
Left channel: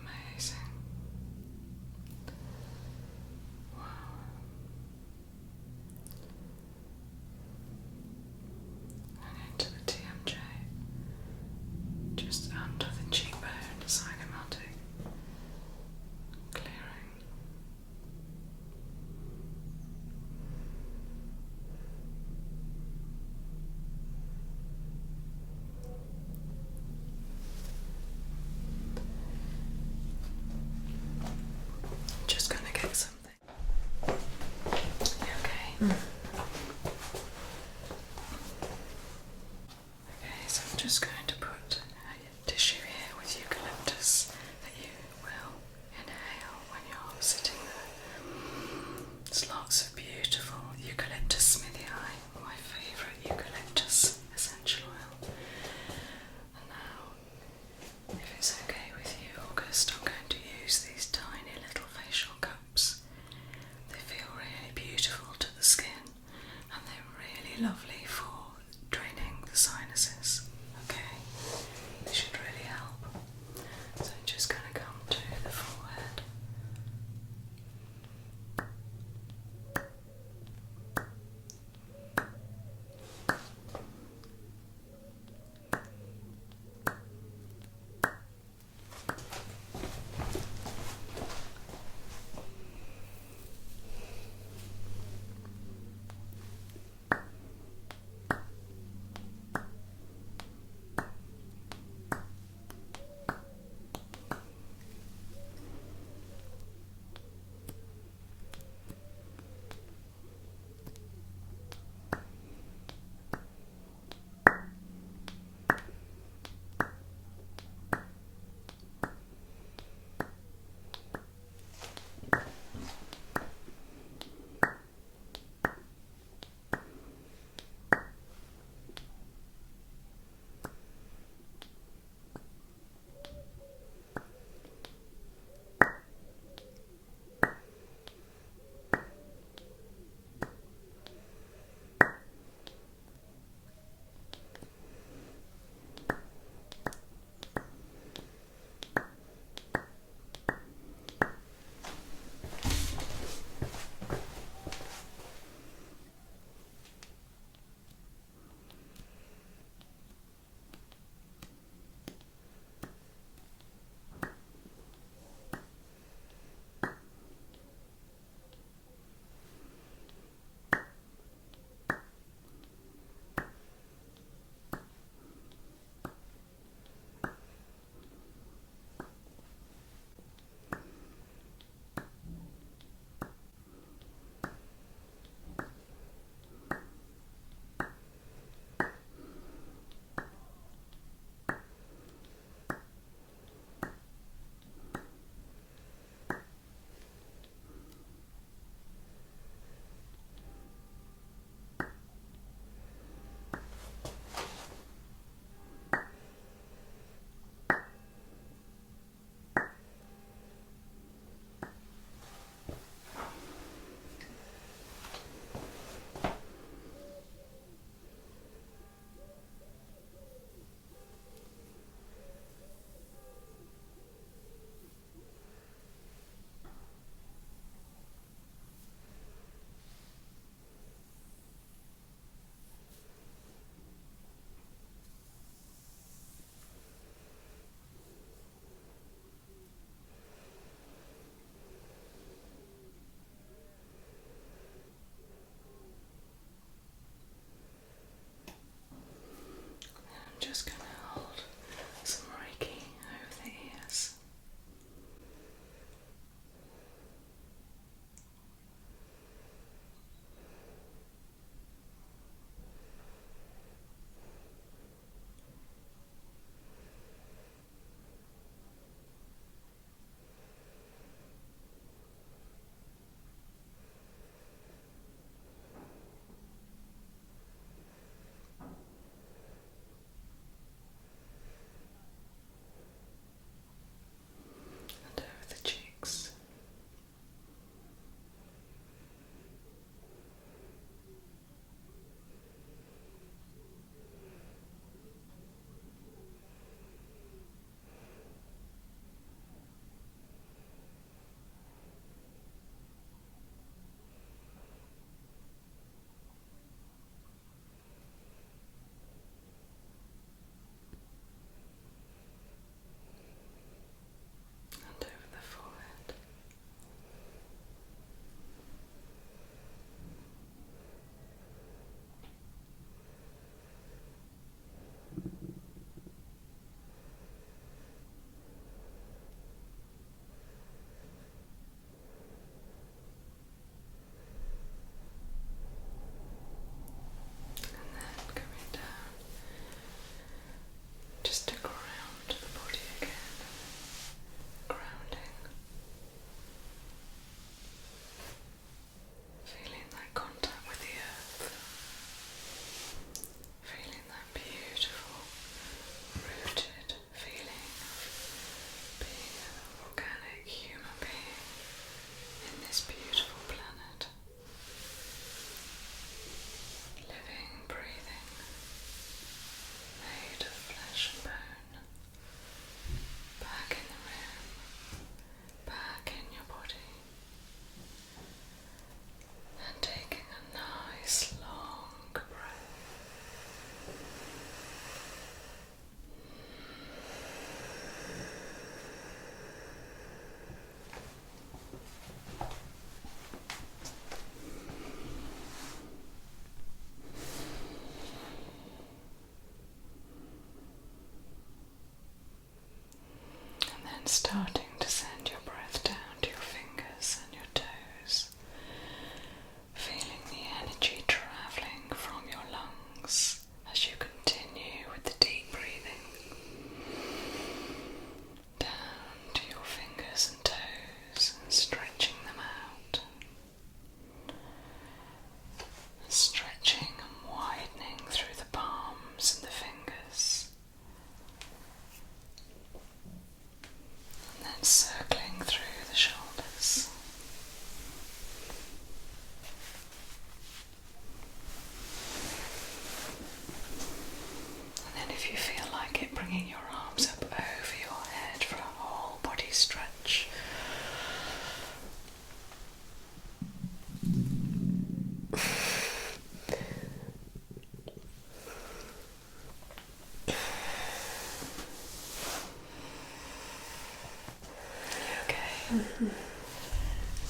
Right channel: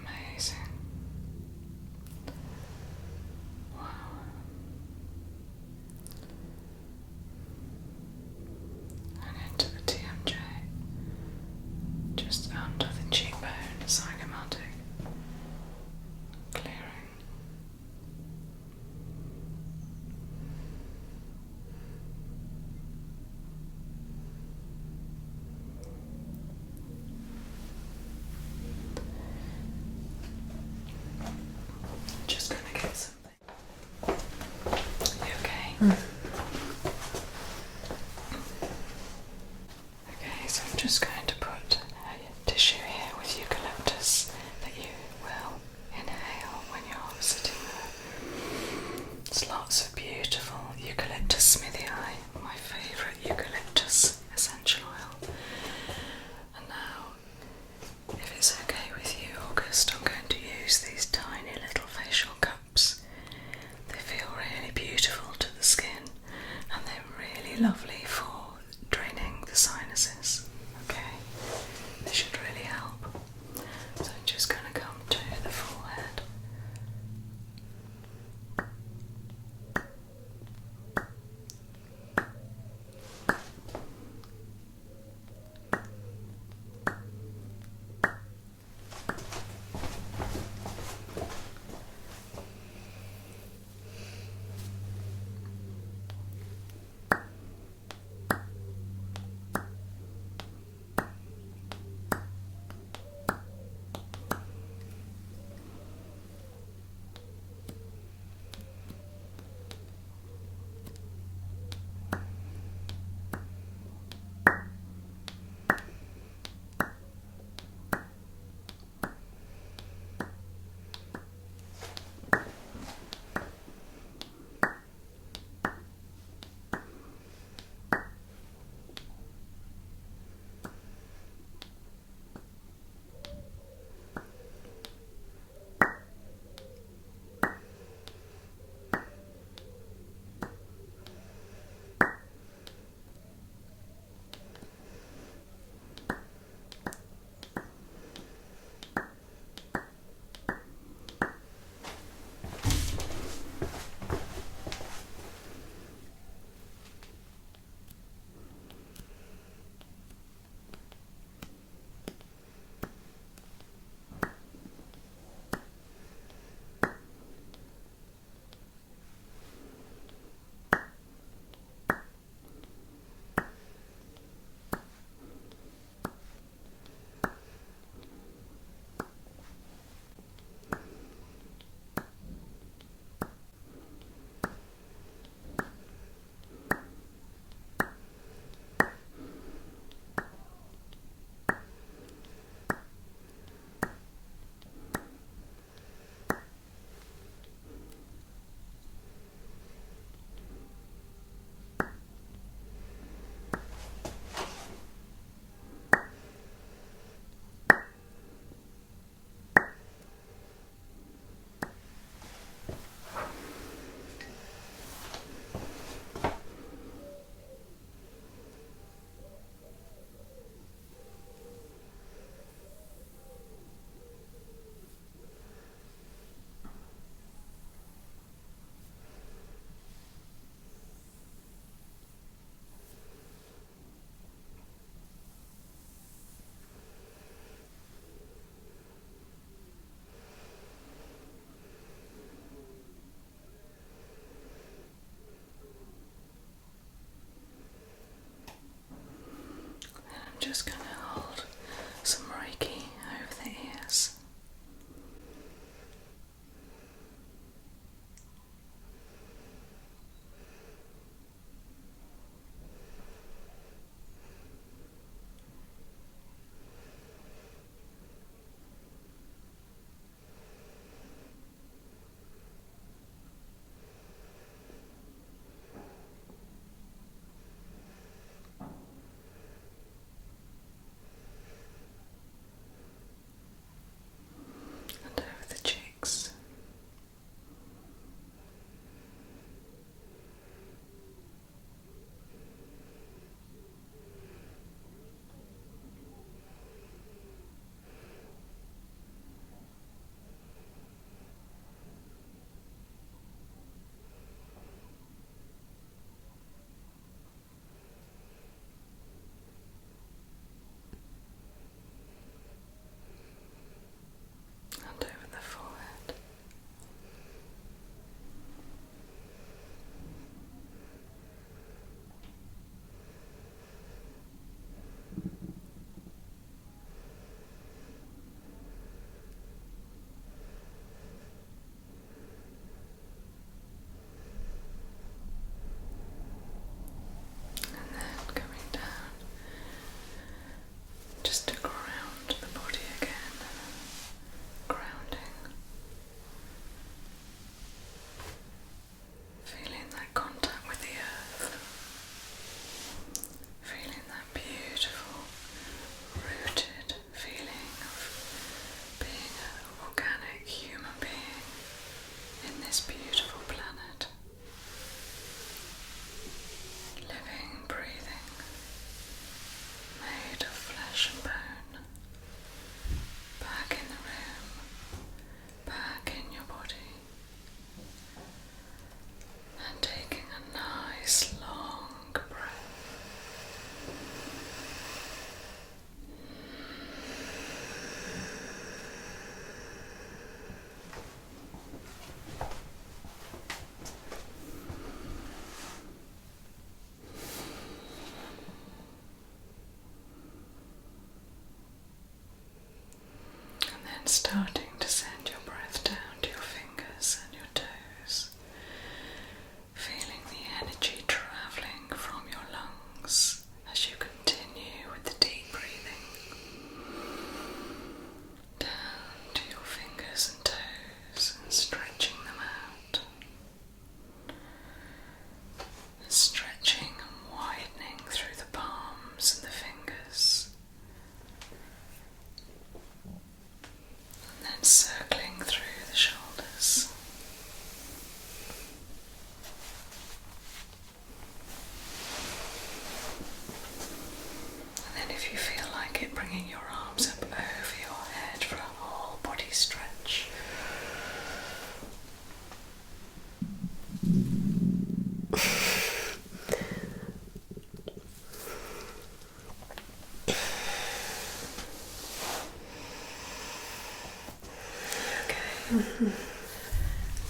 Amazing. Wow. And into the TMJ, just under the cheekbone, zygomatic. Clearing. Just gonna get something. Okay. Okay, so I'm just going to put a tissue here with eucalyptus that you will inhale when you're sitting there. There's lots of beautiful eucalyptus smithii, my favourite eucalyptus essential oil. And now, if it's okay with you, August, I'm going to use these tiny little facial cups. They feel really beautiful to the skin. beautiful planet. Living, breathing, made of flesh and bone. Back in the room, back in your body. And taking a nice long breath. And then starting to send your breath down to your fingers and your toes, feeling the energy travelling from your lungs as you continue with the deep breathing, down to your fingers and toes and stretching them out, stretching and widening through the palms and the fingers. And then circling through the shoulders. And then if you feel like it, bringing your arms up over your head for a whole body stretch. Okay. And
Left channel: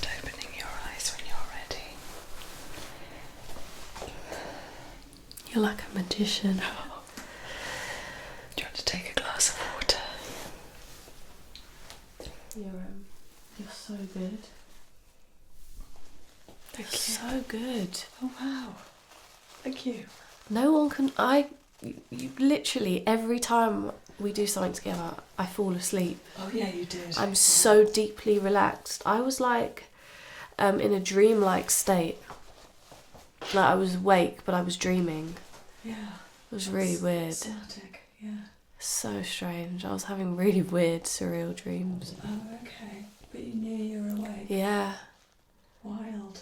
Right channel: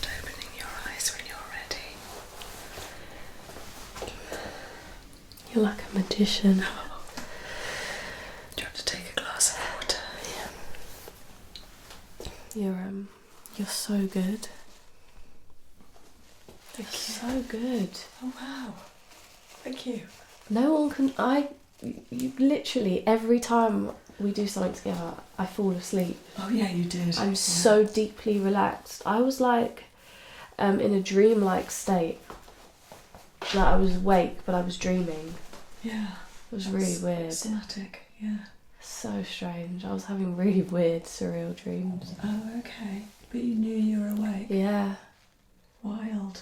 opening your eyes when you're ready. You're like a magician. Do you want to take a glass of water? You're so good. Thank you. So good. Oh wow. Thank you. No one can. You literally every time we do something together, I fall asleep. Oh yeah, you did. I'm so deeply relaxed. I was like, in a dream-like state. Like I was awake, but I was dreaming. Yeah. It was really weird. Somatic, yeah. So strange. I was having really weird, surreal dreams. Oh, okay. But you knew you were awake. Yeah. Wild.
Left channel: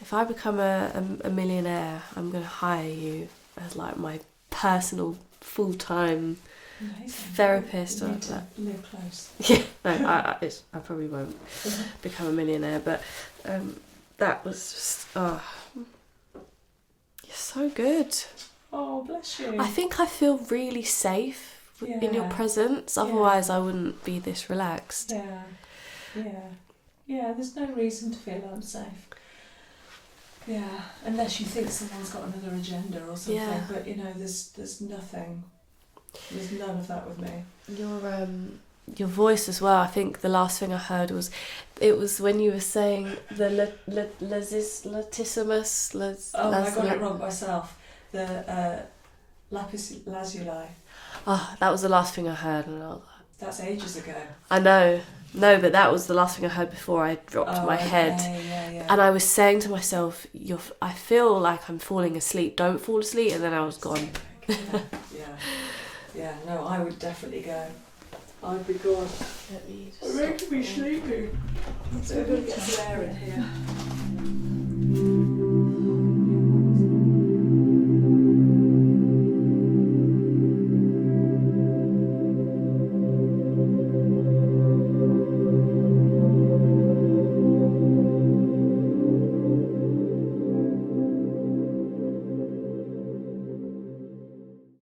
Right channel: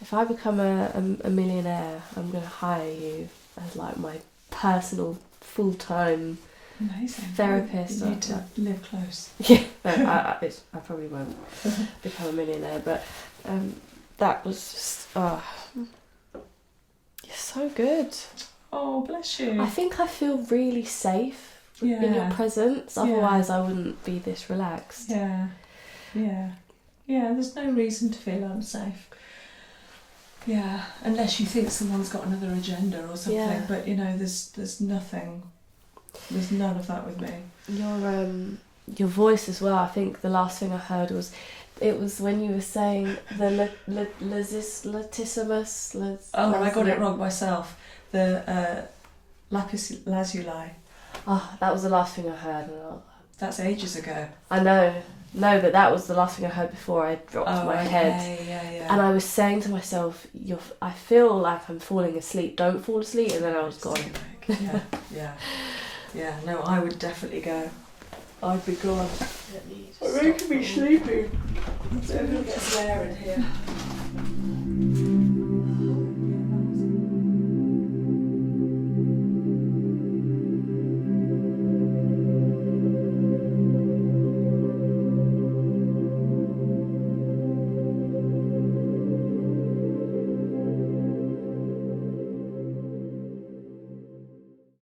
If I become a millionaire, I'm going to hire you as like my personal full-time Amazing. therapist. You need to live close. Yeah, no, I probably won't become a millionaire, but that was just, you're so good. Oh, bless you. I think I feel really safe in your Yeah. presence, otherwise I wouldn't be this relaxed. Yeah. There's no reason to feel unsafe. Yeah, unless you think someone's got another agenda or something. Yeah. But there's nothing. There's none of that with me. Your voice as well. I think the last thing I heard was when you were saying the latissimus. I got it wrong myself. The lapis lazuli. Oh, that was the last thing I heard. And I was like, That's ages ago. I know. No, but that was the last thing I heard before I dropped my head. Yeah. And I was saying to myself, I feel like I'm falling asleep. Don't fall asleep. And then I was gone. Yeah. No, I would definitely go. I'd be gone. It's making me sleepy. So I'm going to get some air in here.